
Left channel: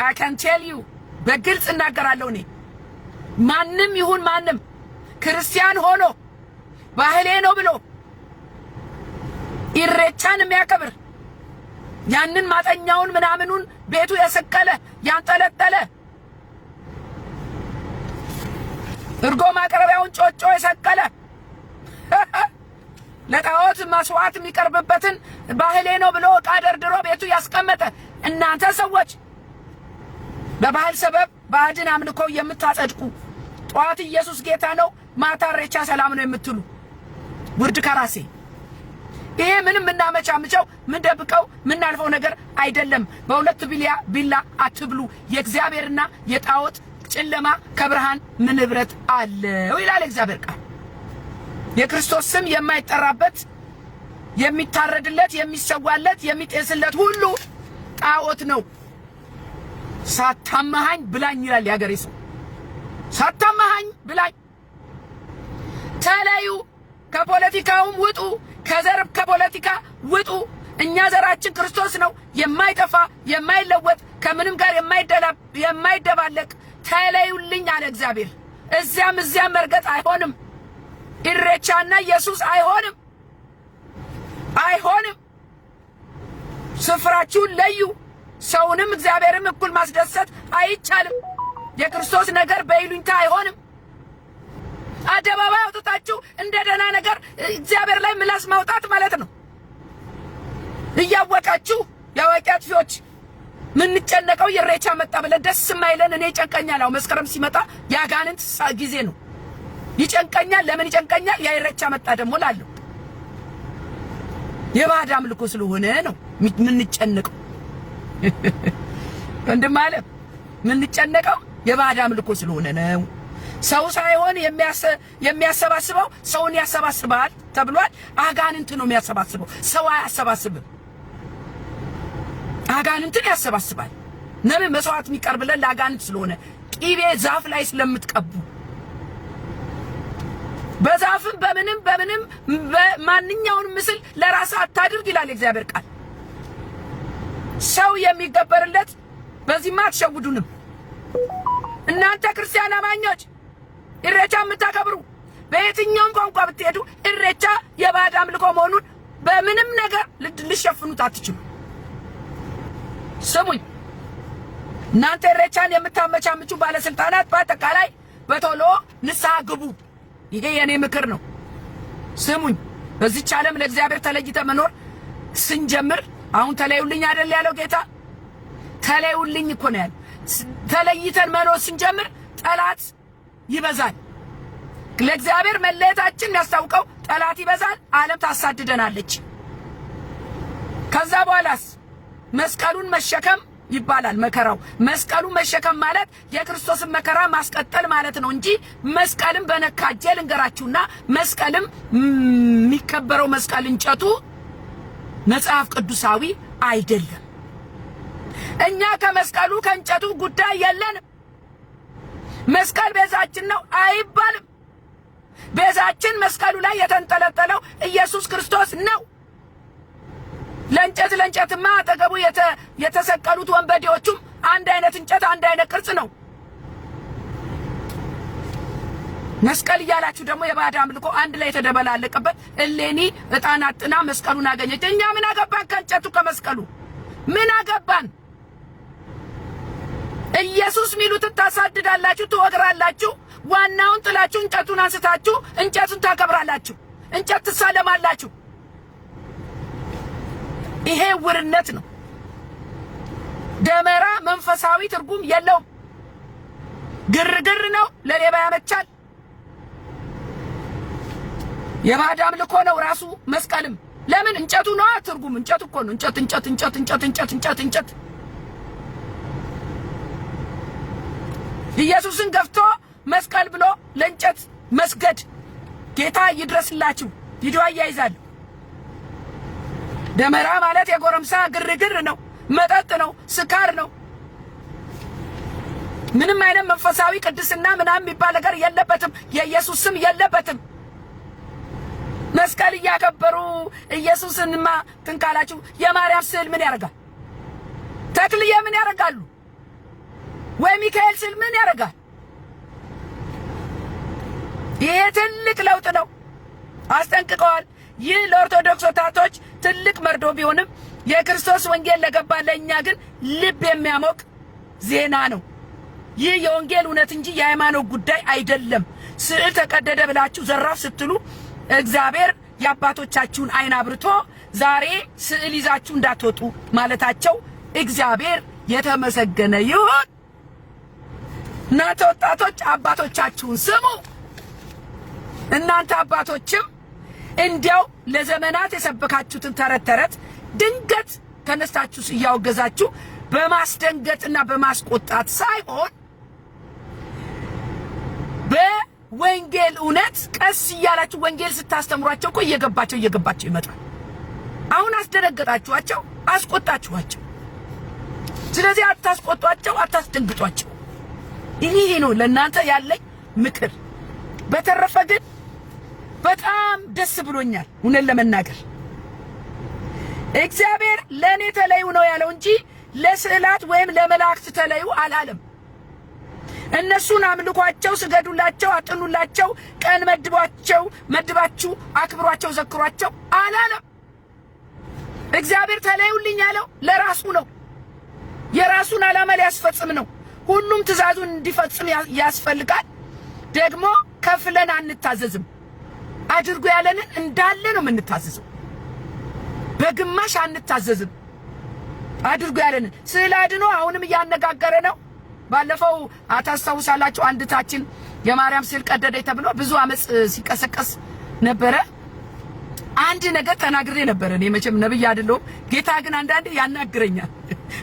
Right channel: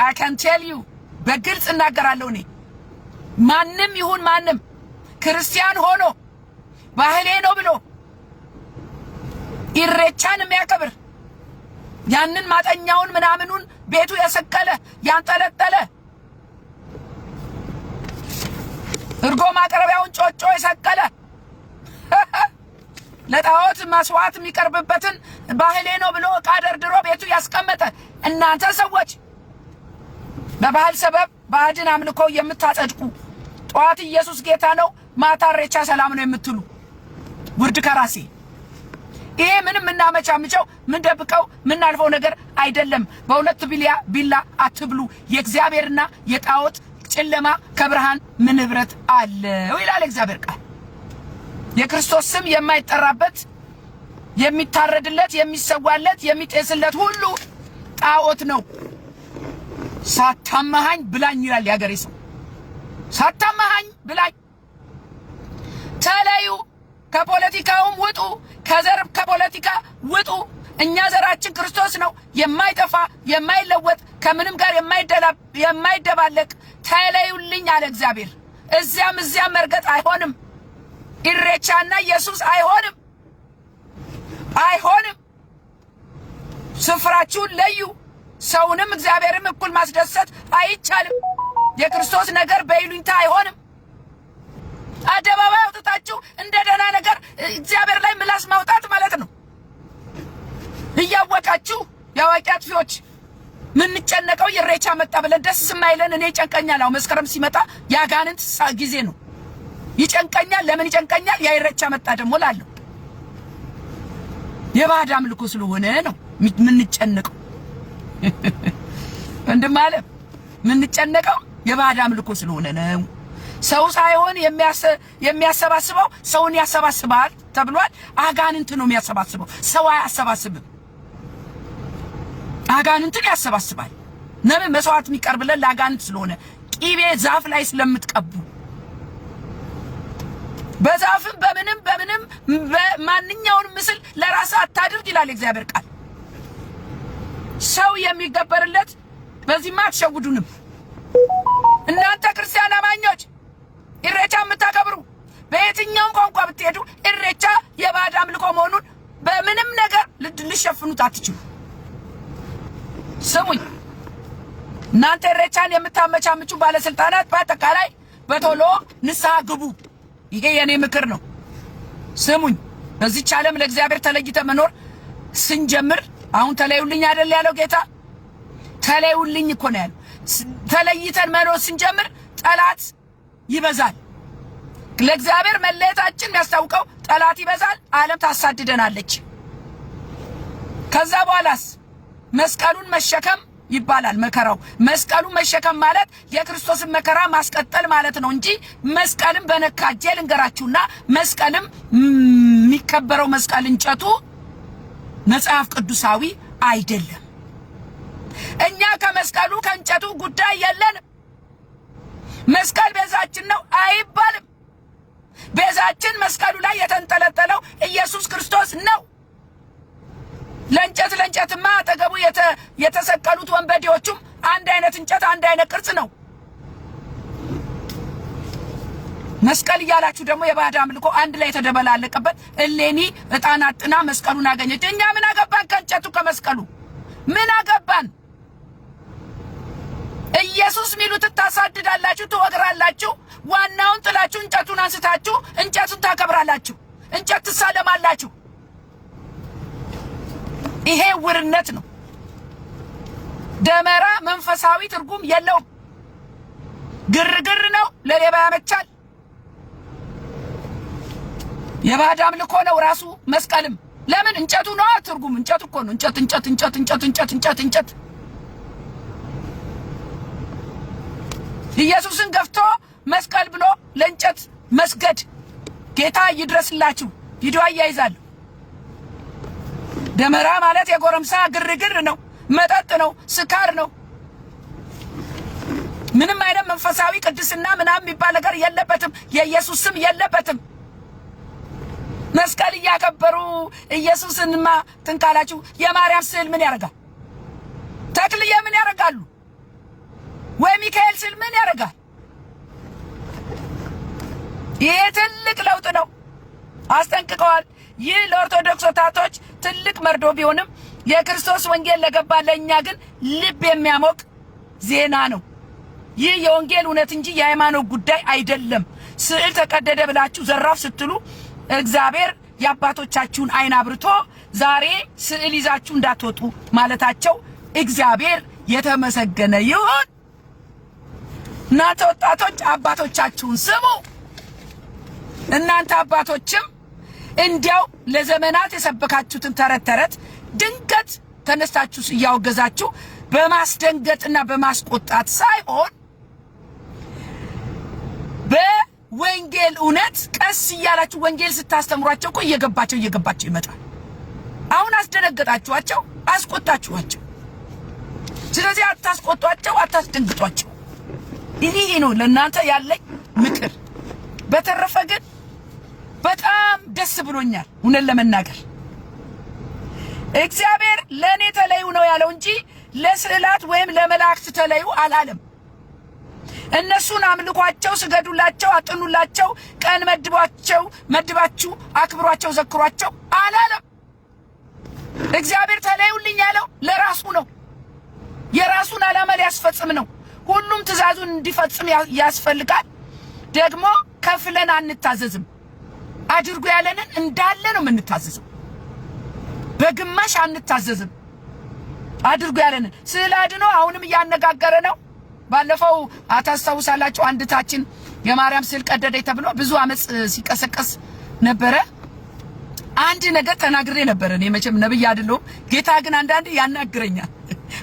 I can tell you በግልጽ እናገራለሁ። እኔ ማንም ይሁን ማንም ክርስቲያን ሆኖ ባህሌ ነው ብሎ ኢሬቻን የሚያከብር ያንን ማጠኛውን ምናምኑን ቤቱ የሰቀለ ያንጠለጠለ እርጎ ማቅረቢያውን ጮጮ የሰቀለ ለጣዖት መስዋዕት የሚቀርብበትን ባህሌ ነው ብሎ ዕቃ ደርድሮ ቤቱ ያስቀመጠ እናንተ ሰዎች በባህል ሰበብ ባዕድን አምልኮ የምታጸድቁ ጧት ኢየሱስ ጌታ ነው ማታ ኢሬቻ ሰላም ነው የምትሉ ውርድ ከራሴ። ይሄ ምንም እናመቻምቸው ምን ደብቀው ምን አልፈው ነገር አይደለም። በሁለት ቢላ አትብሉ። የእግዚአብሔርና የጣዖት ጨለማ ከብርሃን ምን ንብረት አለው ይላል እግዚአብሔር ቃል። የክርስቶስ ስም የማይጠራበት የሚታረድለት የሚሰዋለት የሚጤስለት ሁሉ ጣዖት ነው። ሳታማሃኝ ብላኝ ይላል ያገሬ ሰው። ሳታማሃኝ ብላኝ ተለዩ። ከፖለቲካውም ውጡ። ከዘር ከፖለቲካ ውጡ። እኛ ዘራችን ክርስቶስ ነው፣ የማይጠፋ የማይለወጥ ከምንም ጋር የማይደባለቅ። ተለዩልኝ አለ እግዚአብሔር። እዚያም መርገጥ አይሆንም። ኢሬቻና ኢየሱስ አይሆንም። ስፍራችሁን ለዩ። ሰውንም እግዚአብሔርም እኩል ማስደሰት አይቻልም። የክርስቶስ ነገር በይሉኝታ አይሆንም። አደባባይ አውጥታችሁ እንደ ደህና ነገር እግዚአብሔር ላይ ምላስ ማውጣት ማለት ነው። እያወቃችሁ ያዋቂ አጥፊዎች ምን ጨነቀው ኢሬቻ መጣ ብለን ደስ ማይለን እኔ ጨንቀኛል። መስከረም ሲመጣ ያጋንንት ጊዜ ነው። ይጨንቀኛል። ለምን ይጨንቀኛል? ያ ኢሬቻ መጣ ደግሞ ላለው የባዕድ አምልኮ ስለሆነ ነው ምን ጨነቀው። ወንድም አለ ምን ጨነቀው? የባዕድ አምልኮ ስለሆነ ነው። ሰው ሳይሆን የሚያሰባስበው ሰውን ያሰባስባል ተብሏል። አጋንንት ነው የሚያሰባስበው፣ ሰው አያሰባስብም። አጋንንትን ያሰባስባል። ነብይ መስዋዕት የሚቀርብለን ለአጋንንት ስለሆነ ቂቤ ዛፍ ላይ ስለምትቀቡ በዛፍም በምንም በማንኛውንም ምስል ለራስ አታድርግ ይላል እግዚአብሔር ቃል። ሰው የሚገበርለት በዚህማ አትሸውዱንም። እናንተ ክርስቲያን አማኞች ኢሬቻ የምታከብሩ በየትኛውም ቋንቋ ብትሄዱ ኢሬቻ የባዕድ አምልኮ መሆኑን በምንም ነገር ልሸፍኑት አትችሉ። ስሙኝ፣ እናንተ ኢሬቻን የምታመቻምቹ ባለስልጣናት በአጠቃላይ በቶሎ ንስሐ ግቡ። ይሄ የኔ ምክር ነው። ስሙኝ፣ በዚህች ዓለም ለእግዚአብሔር ተለይተ መኖር ስንጀምር አሁን ተለዩልኝ አይደል ያለው ጌታ? ተለዩልኝ እኮ ነው ያለው። ተለይተን መኖር ስንጀምር ጠላት ይበዛል። ለእግዚአብሔር መለየታችን የሚያስታውቀው ጠላት ይበዛል፣ ዓለም ታሳድደናለች። ከዛ በኋላስ መስቀሉን መሸከም ይባላል። መከራው መስቀሉን መሸከም ማለት የክርስቶስን መከራ ማስቀጠል ማለት ነው እንጂ መስቀልም በነካጄ ልንገራችሁና መስቀልም የሚከበረው መስቀል እንጨቱ መጽሐፍ ቅዱሳዊ አይደለም። እኛ ከመስቀሉ ከእንጨቱ ጉዳይ የለንም። መስቀል ቤዛችን ነው አይባልም። ቤዛችን መስቀሉ ላይ የተንጠለጠለው ኢየሱስ ክርስቶስ ነው። ለእንጨትማ አጠገቡ የተሰቀሉት ወንበዴዎቹም አንድ አይነት እንጨት አንድ አይነት ቅርጽ ነው። መስቀል እያላችሁ ደግሞ የባዕድ አምልኮ አንድ ላይ የተደበላለቀበት እሌኒ ዕጣን አጥና መስቀሉን አገኘች። እኛ ምን አገባን ከእንጨቱ ከመስቀሉ? ምን አገባን? ኢየሱስ ሚሉትን ታሳድዳላችሁ፣ ትወግራላችሁ። ዋናውን ጥላችሁ እንጨቱን አንስታችሁ እንጨቱን ታከብራላችሁ፣ እንጨት ትሳለማላችሁ። ይሄ ውርነት ነው። ደመራ መንፈሳዊ ትርጉም የለውም። ግርግር ነው፣ ለሌባ ያመቻል። የባዕድ አምልኮ ነው ራሱ መስቀልም። ለምን? እንጨቱ ነው ትርጉም። እንጨቱ እኮ ነው። እንጨት ኢየሱስን ገፍቶ መስቀል ብሎ ለእንጨት መስገድ። ጌታ ይድረስላችሁ። ቪዲዮ አያይዛለሁ። ደመራ ማለት የጎረምሳ ግርግር ነው፣ መጠጥ ነው፣ ስካር ነው። ምንም አይነት መንፈሳዊ ቅድስና ምናምን የሚባል ነገር የለበትም። የኢየሱስ ስም የለበትም። መስቀል እያከበሩ ኢየሱስንማ ትንካላችሁ። የማርያም ስዕል ምን ያደርጋል? ተክልዬ ምን ያደርጋሉ? ወይ ሚካኤል ስዕል ምን ያደርጋል? ይሄ ትልቅ ለውጥ ነው። አስጠንቅቀዋል። ይህ ለኦርቶዶክስ ወጣቶች ትልቅ መርዶ ቢሆንም የክርስቶስ ወንጌል ለገባ ለእኛ ግን ልብ የሚያሞቅ ዜና ነው። ይህ የወንጌል እውነት እንጂ የሃይማኖት ጉዳይ አይደለም። ስዕል ተቀደደ ብላችሁ ዘራፍ ስትሉ እግዚአብሔር የአባቶቻችሁን አይን አብርቶ ዛሬ ስዕል ይዛችሁ እንዳትወጡ ማለታቸው እግዚአብሔር የተመሰገነ ይሁን። እናንተ ወጣቶች አባቶቻችሁን ስሙ። እናንተ አባቶችም እንዲያው ለዘመናት የሰበካችሁትን ተረት ድንገት ተነስታችሁ እያወገዛችሁ በማስደንገጥና በማስቆጣት ሳይሆን በወንጌል እውነት ቀስ እያላችሁ ወንጌል ስታስተምሯቸው እኮ እየገባቸው ይመጣል። አሁን አስደነገጣችኋቸው፣ አስቆጣችኋቸው። ስለዚህ አታስቆጧቸው፣ አታስደንግጧቸው። ይሄ ነው ለእናንተ ያለኝ ምክር። በተረፈ ግን በጣም ደስ ብሎኛል እውነት ለመናገር እግዚአብሔር ለኔ ተለዩ ነው ያለው እንጂ ለስዕላት ወይም ለመላእክት ተለዩ አላለም። እነሱን አምልኳቸው፣ ስገዱላቸው፣ አጥኑላቸው፣ ቀን መድባችሁ አክብሯቸው፣ ዘክሯቸው አላለም። እግዚአብሔር ተለዩልኝ ያለው ለራሱ ነው። የራሱን ዓላማ ሊያስፈጽም ነው። ሁሉም ትእዛዙን እንዲፈጽም ያስፈልጋል። ደግሞ ከፍለን አንታዘዝም። አድርጉ ያለንን እንዳለ ነው የምንታዘዘው። በግማሽ አንታዘዝም። አድርጉ ያለንን ስዕል አድኖ አሁንም እያነጋገረ ነው። ባለፈው አታስታውሳላችሁ አንድታችን የማርያም ስዕል ቀደደኝ ተብሎ ብዙ አመጽ ሲቀሰቀስ ነበረ። አንድ ነገር ተናግሬ ነበር። እኔ መቼም ነብይ አይደለሁም። ጌታ ግን አንዳንዴ ያናግረኛል።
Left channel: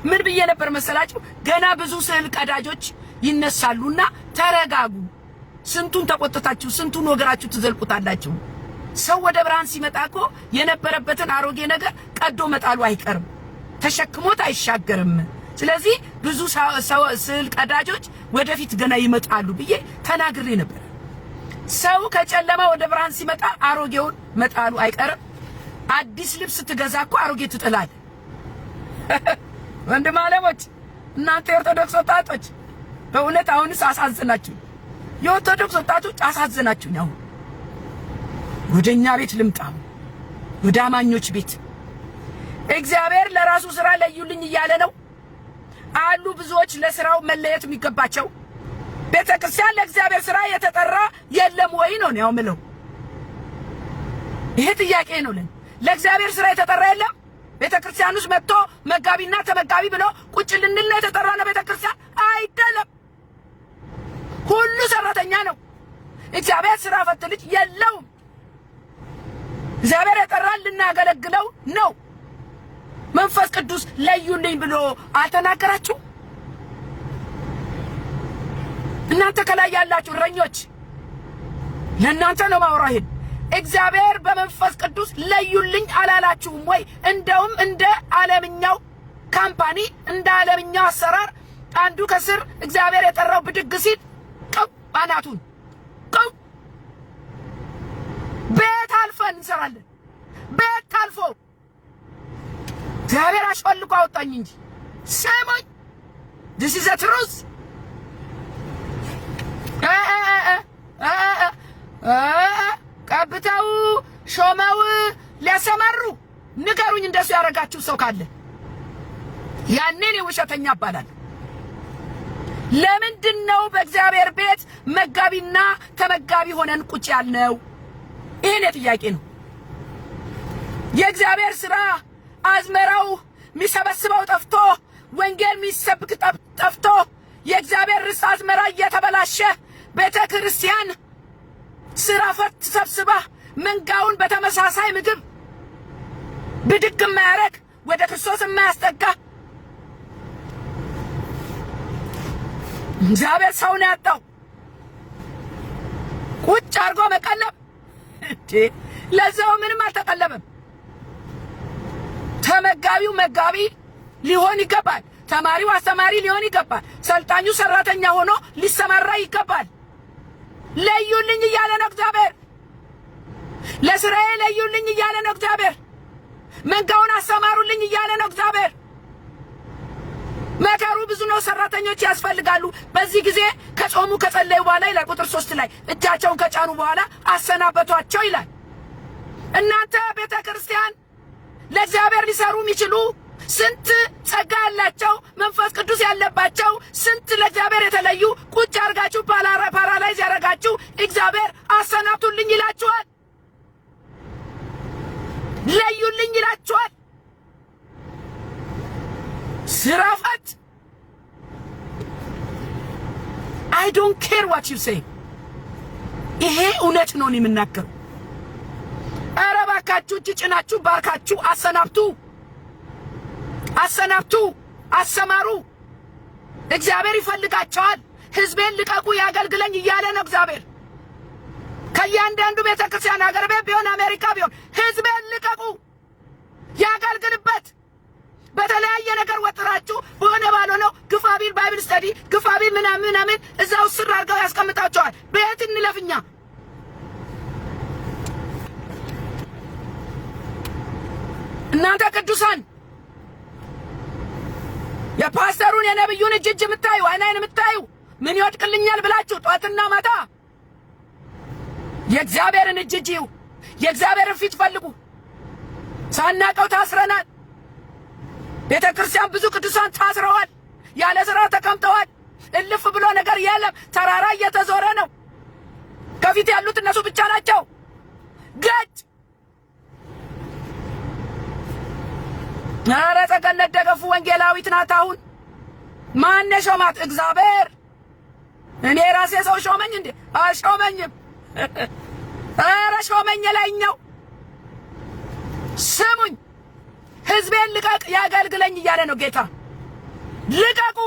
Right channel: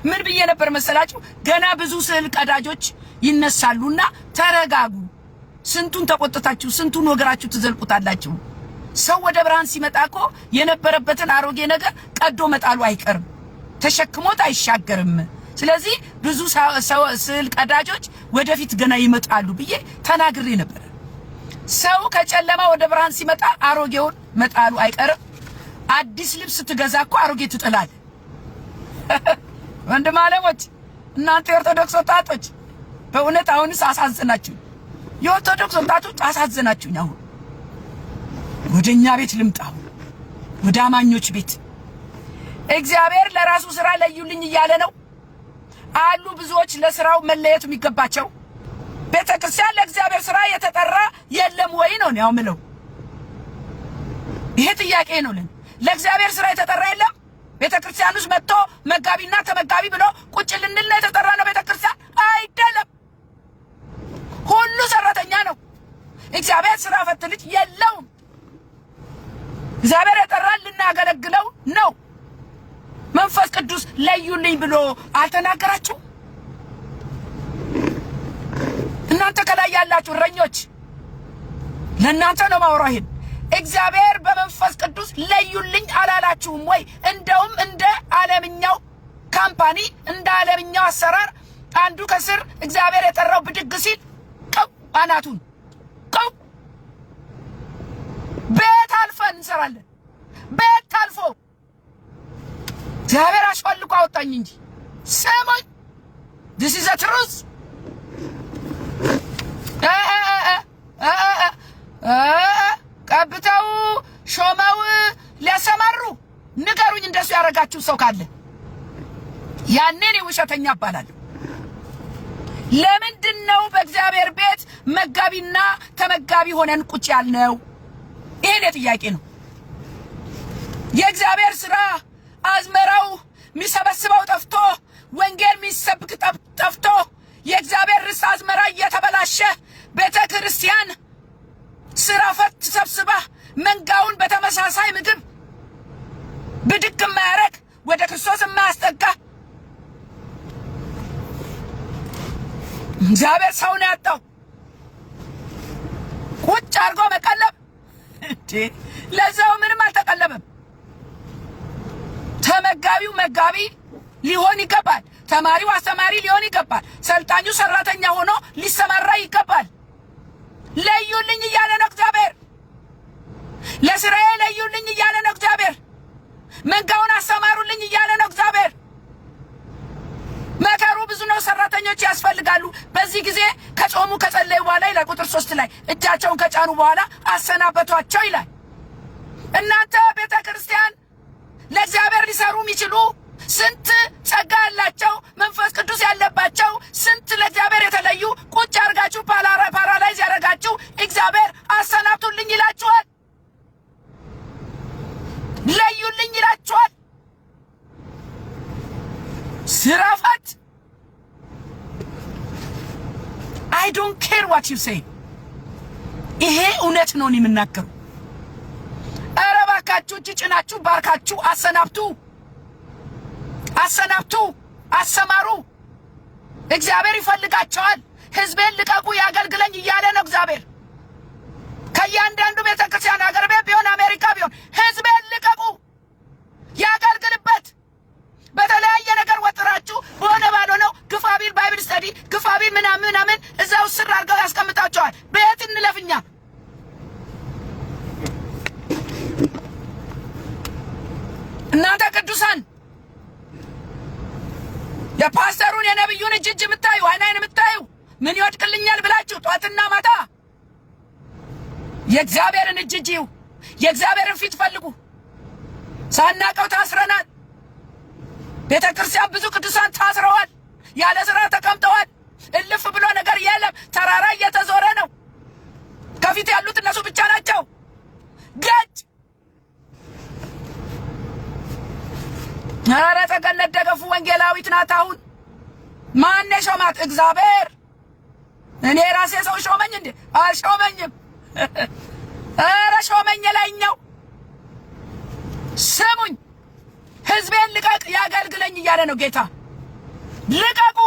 ምን ብዬ ነበር መሰላችሁ? ገና ብዙ ስዕል ቀዳጆች ይነሳሉና ተረጋጉ። ስንቱን ተቆጥታችሁ ስንቱን ወገራችሁ ትዘልቁታላችሁ። ሰው ወደ ብርሃን ሲመጣ እኮ የነበረበትን አሮጌ ነገር ቀዶ መጣሉ አይቀርም፣ ተሸክሞት አይሻገርም። ስለዚህ ብዙ ስዕል ቀዳጆች ወደፊት ገና ይመጣሉ ብዬ ተናግሬ ነበር። ሰው ከጨለማ ወደ ብርሃን ሲመጣ አሮጌውን መጣሉ አይቀርም። አዲስ ልብስ ትገዛ እኮ አሮጌ ትጥላለህ። ወንድም አለሞች እናንተ የኦርቶዶክስ ወጣቶች በእውነት አሁንስ አሳዘናችሁ። የኦርቶዶክስ ወጣቶች አሳዘናችሁኝ። አሁን ወደኛ ቤት ልምጣው፣ ወደ አማኞች ቤት። እግዚአብሔር ለራሱ ስራ ለዩልኝ እያለ ነው አሉ ብዙዎች ለስራው መለየት የሚገባቸው። ቤተክርስቲያን ለእግዚአብሔር ስራ የተጠራ የለም ወይ ነው ያው ምለው። ይሄ ጥያቄ ነው። ለእግዚአብሔር ስራ የተጠራ የለም? ቤተክርስቲያን ውስጥ መጥቶ መጋቢና ተመጋቢ ብሎ ቁጭ ልንል ነው የተጠራ ነው ቤተክርስቲያን? አይደለም። ሁሉ ሰራተኛ ነው። እግዚአብሔር ስራ ፈት ልጅ የለውም። እግዚአብሔር የጠራን ልናገለግለው ነው። መንፈስ ቅዱስ ለዩልኝ ብሎ አልተናገራችሁ? እናንተ ከላይ ያላችሁ እረኞች ለእናንተ ነው ማውራው። ይሄን እግዚአብሔር በመንፈስ ቅዱስ ለዩልኝ አላላችሁም ወይ? እንደውም እንደ ዓለምኛው ካምፓኒ እንደ ዓለምኛው አሰራር አንዱ ከስር እግዚአብሔር የጠራው ብድግ ሲል ቀው አናቱን ቀው ቤት አልፈን እንሰራለን። ቤት አልፎ እግዚአብሔር አሽፈልቆ አወጣኝ እንጂ ሰሞኝ this is a truth ቀብተው ሾመው ሊያሰማሩ ንገሩኝ። እንደሱ ያረጋችሁ ሰው ካለ ያኔ ነው ውሸተኛ እባላለሁ። ለምንድነው በእግዚአብሔር ቤት መጋቢና ተመጋቢ ሆነን ቁጭ ያልነው? ይሄን ጥያቄ ነው። የእግዚአብሔር ስራ አዝመራው የሚሰበስበው ጠፍቶ ወንጌል የሚሰብክ ጠፍቶ የእግዚአብሔር ርስት አዝመራ እየተበላሸ ቤተ ክርስቲያን ስራ ፈት ሰብስባ መንጋውን በተመሳሳይ ምግብ ብድግ የማያረግ ወደ ክርስቶስ የማያስጠጋ እግዚአብሔር ሰው ነው ያጣው። ቁጭ አድርጎ መቀለብ እንዴ! ለዛው ምንም አልተቀለበም። ተመጋቢው መጋቢ ሊሆን ይገባል። ተማሪው አስተማሪ ሊሆን ይገባል። ሰልጣኙ ሰራተኛ ሆኖ ሊሰማራ ይገባል። ለዩልኝ እያለ ነው እግዚአብሔር። ለስራዬ ለዩልኝ እያለ ነው እግዚአብሔር። መንጋውን አሰማሩልኝ እያለ ነው እግዚአብሔር። መከሩ ብዙ ነው። ሰራተኞች ያስፈልጋሉ። በዚህ ጊዜ ከጾሙ ከጸለዩ በኋላ ይላል ቁጥር 3 ላይ እጃቸውን ከጫኑ በኋላ አሰናበቷቸው ይላል። እናንተ ቤተ ክርስቲያን ለእግዚአብሔር ሊሰሩ የሚችሉ ስንት ጸጋ ያላቸው መንፈስ ቅዱስ ያለባቸው ስንት ለእግዚአብሔር የተለዩ ቁጭ አርጋችሁ ፓራላይዝ ያረጋችሁ እግዚአብሔር አሰናብቱልኝ ይላችኋል። ለዩልኝ ይላችኋል። ስራ ፈት I don't care what you say። ይሄ እውነት ነው የምናገረው። ኧረ እባካችሁ እጅ ጭናችሁ ባርካችሁ አሰናብቱ፣ አሰናብቱ፣ አሰማሩ። እግዚአብሔር ይፈልጋቸዋል። ህዝቤን ልቀቁ ያገልግለኝ እያለ ነው እግዚአብሔር። ከእያንዳንዱ ቤተክርስቲያን ሀገር ቤት ቢሆን አሜሪካ ቢሆን ህዝቤን ልቀቁ ያገልግልበት። በተለያየ ነገር ወጥራችሁ በሆነ ባልሆነው ግፋቢል ባይብል ስተዲ ግፋቢል ምናምን እዛው ስር አድርገው ያስቀምጣቸዋል። ቤት እንለፍኛ እናንተ ቅዱሳን የፓስተሩን የነብዩን እጅ የምታዩ አይናይን የምታዩ ምን ይወድቅልኛል ብላችሁ ጧትና ማታ የእግዚአብሔርን እጅ የእግዚአብሔርን ፊት ፈልጉ። ሳናቀው ታስረናል። ቤተ ክርስቲያን ብዙ ቅዱሳን ታስረዋል፣ ያለ ስራ ተቀምጠዋል። እልፍ ብሎ ነገር የለም። ተራራ እየተዞረ ነው። ከፊት ያሉት እነሱ ብቻ ናቸው። ገጭ ኧረ ተገነት ደገፉ ወንጌላዊት ናት። አሁን ማን ሾማት? እግዚአብሔር። እኔ ራሴ ሰው ሾመኝ እንዴ? አልሾመኝም። ኧረ ሾመኝ ላይኛው። ስሙኝ፣ ህዝቤን ልቀቅ ያገልግለኝ እያለ ነው ጌታ። ልቀቁ፣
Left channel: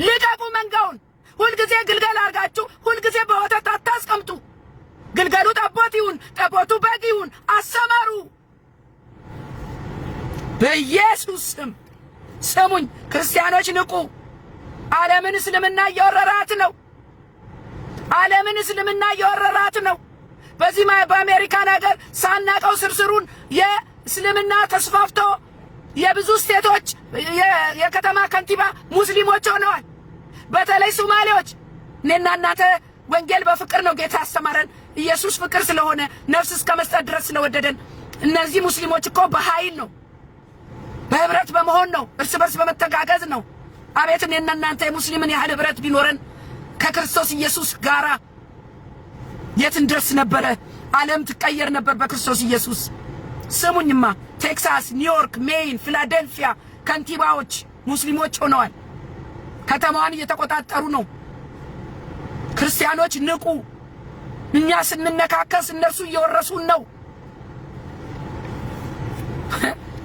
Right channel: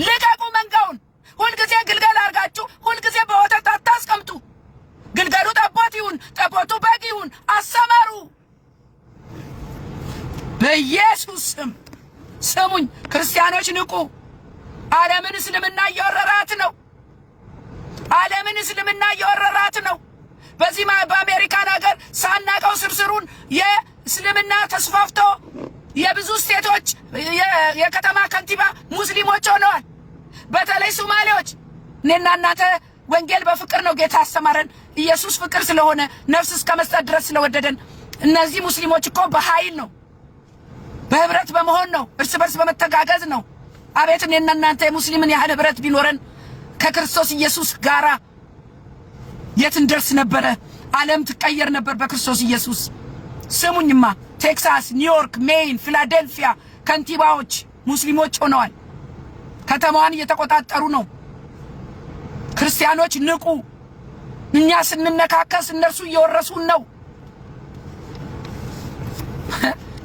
ልቀቁ መንጋውን። ሁልጊዜ ግልገል አርጋችሁ ሁልጊዜ በወተት አታስቀምጡ። ግልገሉ ጠቦት ይሁን፣ ጠቦቱ በግ ይሁን፣ አሰማሩ በኢየሱስ ስም። ስሙኝ ክርስቲያኖች ንቁ። ዓለምን እስልምና እየወረራት ነው። ዓለምን እስልምና እየወረራት ነው። በዚህ በአሜሪካን ሀገር ሳናቀው ስርስሩን የእስልምና ተስፋፍቶ የብዙ ስቴቶች የከተማ ከንቲባ ሙስሊሞች ሆነዋል። በተለይ ሶማሌዎች። እኔና እናንተ ወንጌል በፍቅር ነው ጌታ ያስተማረን። ኢየሱስ ፍቅር ስለሆነ ነፍስ እስከ መስጠት ድረስ ስለወደደን። እነዚህ ሙስሊሞች እኮ በኃይል ነው፣ በህብረት በመሆን ነው፣ እርስ በርስ በመተጋገዝ ነው። አቤት እኔና እናንተ የሙስሊምን ያህል ህብረት ቢኖረን ከክርስቶስ ኢየሱስ ጋራ የት እንደርስ ነበረ። ዓለም ትቀየር ነበር በክርስቶስ ኢየሱስ። ስሙኝማ፣ ቴክሳስ፣ ኒውዮርክ፣ ሜይን፣ ፊላዴልፊያ ከንቲባዎች ሙስሊሞች ሆነዋል። ከተማዋን እየተቆጣጠሩ ነው። ክርስቲያኖች ንቁ። እኛ ስንነካከስ እነርሱ እየወረሱን ነው።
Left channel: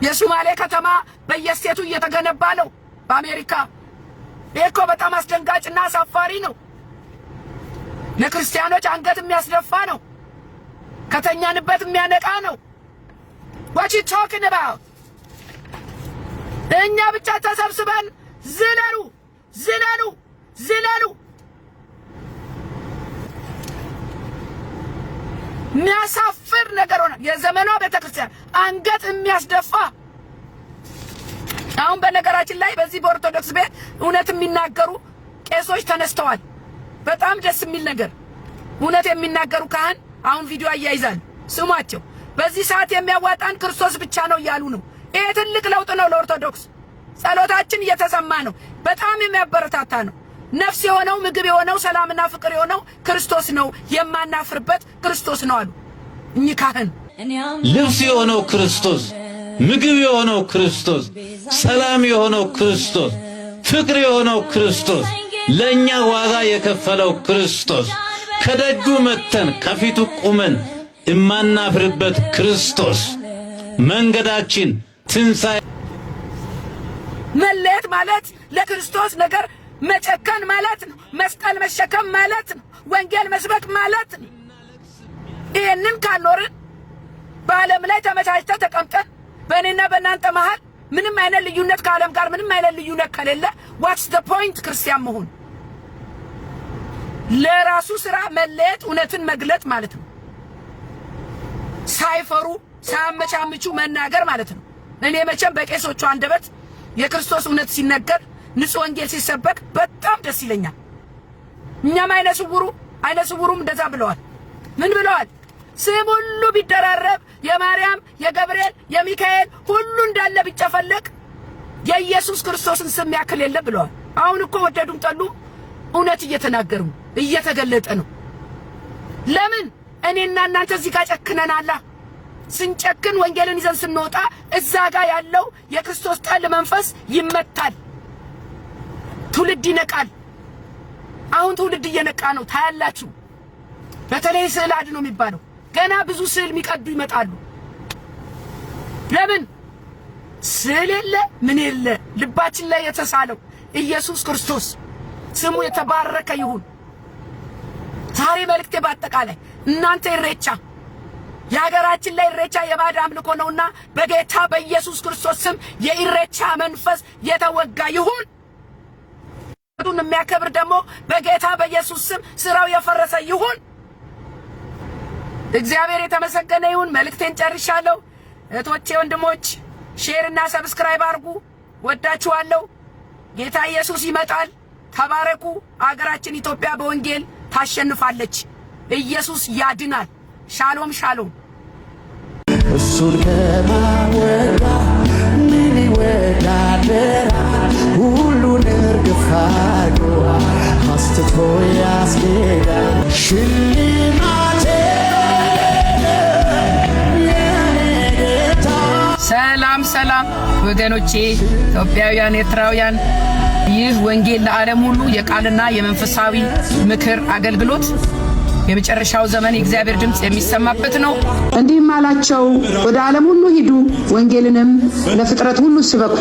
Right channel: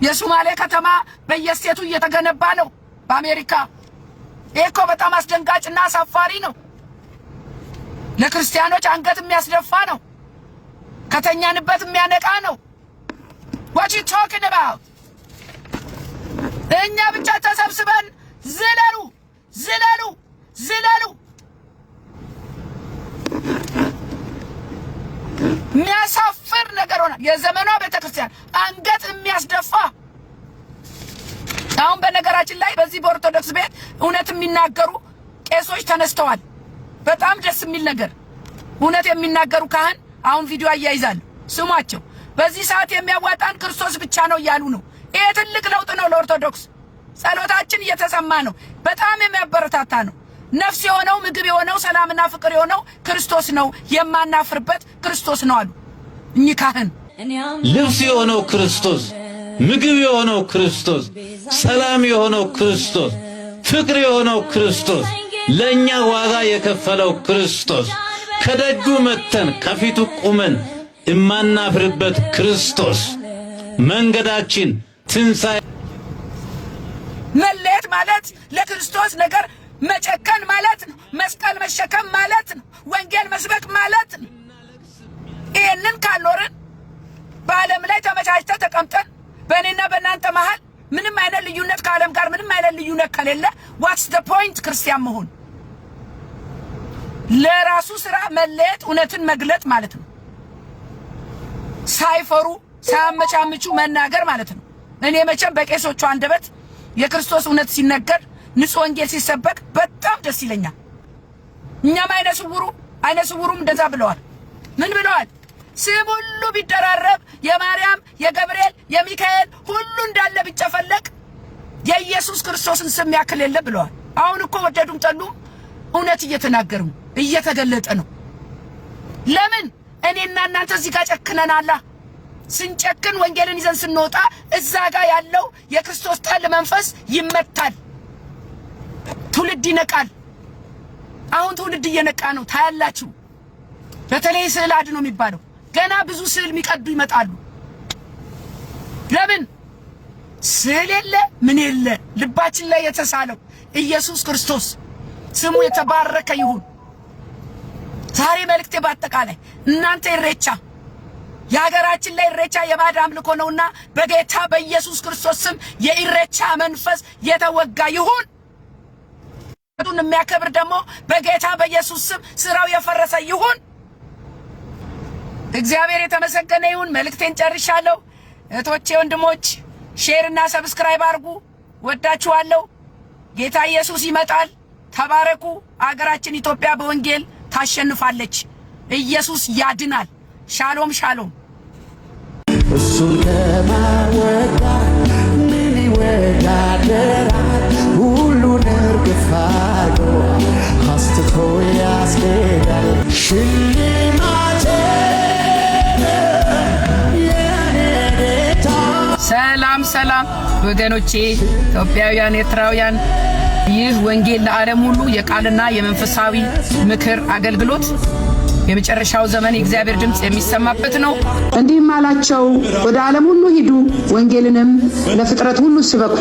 የሶማሌ ከተማ በየስቴቱ እየተገነባ ነው በአሜሪካ። ይሄ እኮ በጣም አስደንጋጭና አሳፋሪ ነው። ለክርስቲያኖች አንገት የሚያስደፋ ነው። ከተኛንበት የሚያነቃ ነው። what you talking about? እኛ ብቻ ተሰብስበን ዝለሉ ዝለሉ ዝለሉ። የሚያሳፍር ነገር ሆነ። የዘመኗ ቤተክርስቲያን አንገት የሚያስደፋ። አሁን በነገራችን ላይ በዚህ በኦርቶዶክስ ቤት እውነት የሚናገሩ ቄሶች ተነስተዋል። በጣም ደስ የሚል ነገር። እውነት የሚናገሩ ካህን አሁን ቪዲዮ አያይዛሉ። ስሟቸው። በዚህ ሰዓት የሚያዋጣን ክርስቶስ ብቻ ነው እያሉ ነው። ይሄ ትልቅ ለውጥ ነው ለኦርቶዶክስ። ጸሎታችን እየተሰማ ነው። በጣም የሚያበረታታ ነው። ነፍስ የሆነው ምግብ የሆነው ሰላምና ፍቅር የሆነው ክርስቶስ ነው። የማናፍርበት ክርስቶስ ነው አሉ እኚህ ካህን። ልብስ የሆነው ክርስቶስ፣ ምግብ የሆነው ክርስቶስ፣ ሰላም የሆነው ክርስቶስ፣ ፍቅር የሆነው ክርስቶስ፣ ለኛ ዋጋ የከፈለው ክርስቶስ፣ ከደጁ መተን ከፊቱ ቁመን እማናፍርበት ክርስቶስ፣ መንገዳችን ትንሣኤ። መለየት ማለት ለክርስቶስ ነገር መጨከን ማለት ነው። መስቀል መሸከም ማለት ነው። ወንጌል መስበክ ማለት ነው። ይሄንን ካልኖርን በዓለም ላይ ተመቻችተን ተቀምጠን በእኔና በእናንተ መሃል ምንም አይነት ልዩነት ከዓለም ጋር ምንም አይነት ልዩነት ከሌለ what's the point ክርስቲያን መሆን? ለራሱ ስራ መለየት እውነትን መግለጥ ማለት ነው። ሳይፈሩ ሳያመቻምቹ መናገር ማለት ነው። እኔ መቼም በቄሶቹ አንደበት የክርስቶስ እውነት ሲነገር ንጹህ ወንጌል ሲሰበክ በጣም ደስ ይለኛል። እኛም አይነ ስውሩም እንደዛ ብለዋል። ምን ብለዋል? ስም ሁሉ ቢደራረብ የማርያም የገብርኤል የሚካኤል ሁሉ እንዳለ ቢጨፈለቅ የኢየሱስ ክርስቶስን ስም ያክል የለ ብለዋል። አሁን እኮ ወደዱም ጠሉም እውነት እየተናገሩ እየተገለጠ ነው። ለምን እኔና እናንተ እዚህ ጋር ጨክነናላ? ስንጨክን ወንጌልን ይዘን ስንወጣ እዛ ጋር ያለው የክርስቶስ ጠል መንፈስ ይመታል። ትውልድ ይነቃል። አሁን ትውልድ እየነቃ ነው። ታያላችሁ። በተለይ ስዕል አድኖ የሚባለው ገና ብዙ ስዕል የሚቀዱ ይመጣሉ። ለምን ስዕል የለ ምን የለ ልባችን ላይ የተሳለው ኢየሱስ ክርስቶስ ስሙ የተባረከ ይሁን። ዛሬ መልእክቴ በአጠቃላይ እናንተ ኢሬቻ የሀገራችን ላይ ኢሬቻ የባዕድ አምልኮ ነውና በጌታ በኢየሱስ ክርስቶስ ስም የኢሬቻ መንፈስ የተወጋ ይሁን። ቱን የሚያከብር ደግሞ በጌታ በኢየሱስ ስም ስራው የፈረሰ ይሁን። እግዚአብሔር የተመሰገነ ይሁን። መልእክቴን ጨርሻለሁ። እህቶቼ ወንድሞች ሼር እና ሰብስክራይብ አድርጉ። ወዳችኋለሁ። ጌታ ኢየሱስ ይመጣል። ተባረኩ። አገራችን ኢትዮጵያ በወንጌል ታሸንፋለች። ኢየሱስ ያድናል። ሻሎም ሻሎም። እሱን ከማወዳ ምን ይወዳደራል? ሁሉን እርግፍ አድርጎ አስትቶ ያስኬዳል። ሽልማቴ የኔ ጌታ። ሰላም ሰላም ወገኖቼ ኢትዮጵያውያን፣ ኤርትራውያን፣ ይህ ወንጌል ለዓለም ሁሉ የቃልና የመንፈሳዊ ምክር አገልግሎት የመጨረሻው ዘመን የእግዚአብሔር ድምጽ የሚሰማበት ነው። እንዲህም አላቸው፣ ወደ ዓለም ሁሉ ሂዱ፣ ወንጌልንም ለፍጥረት ሁሉ ስበኩ።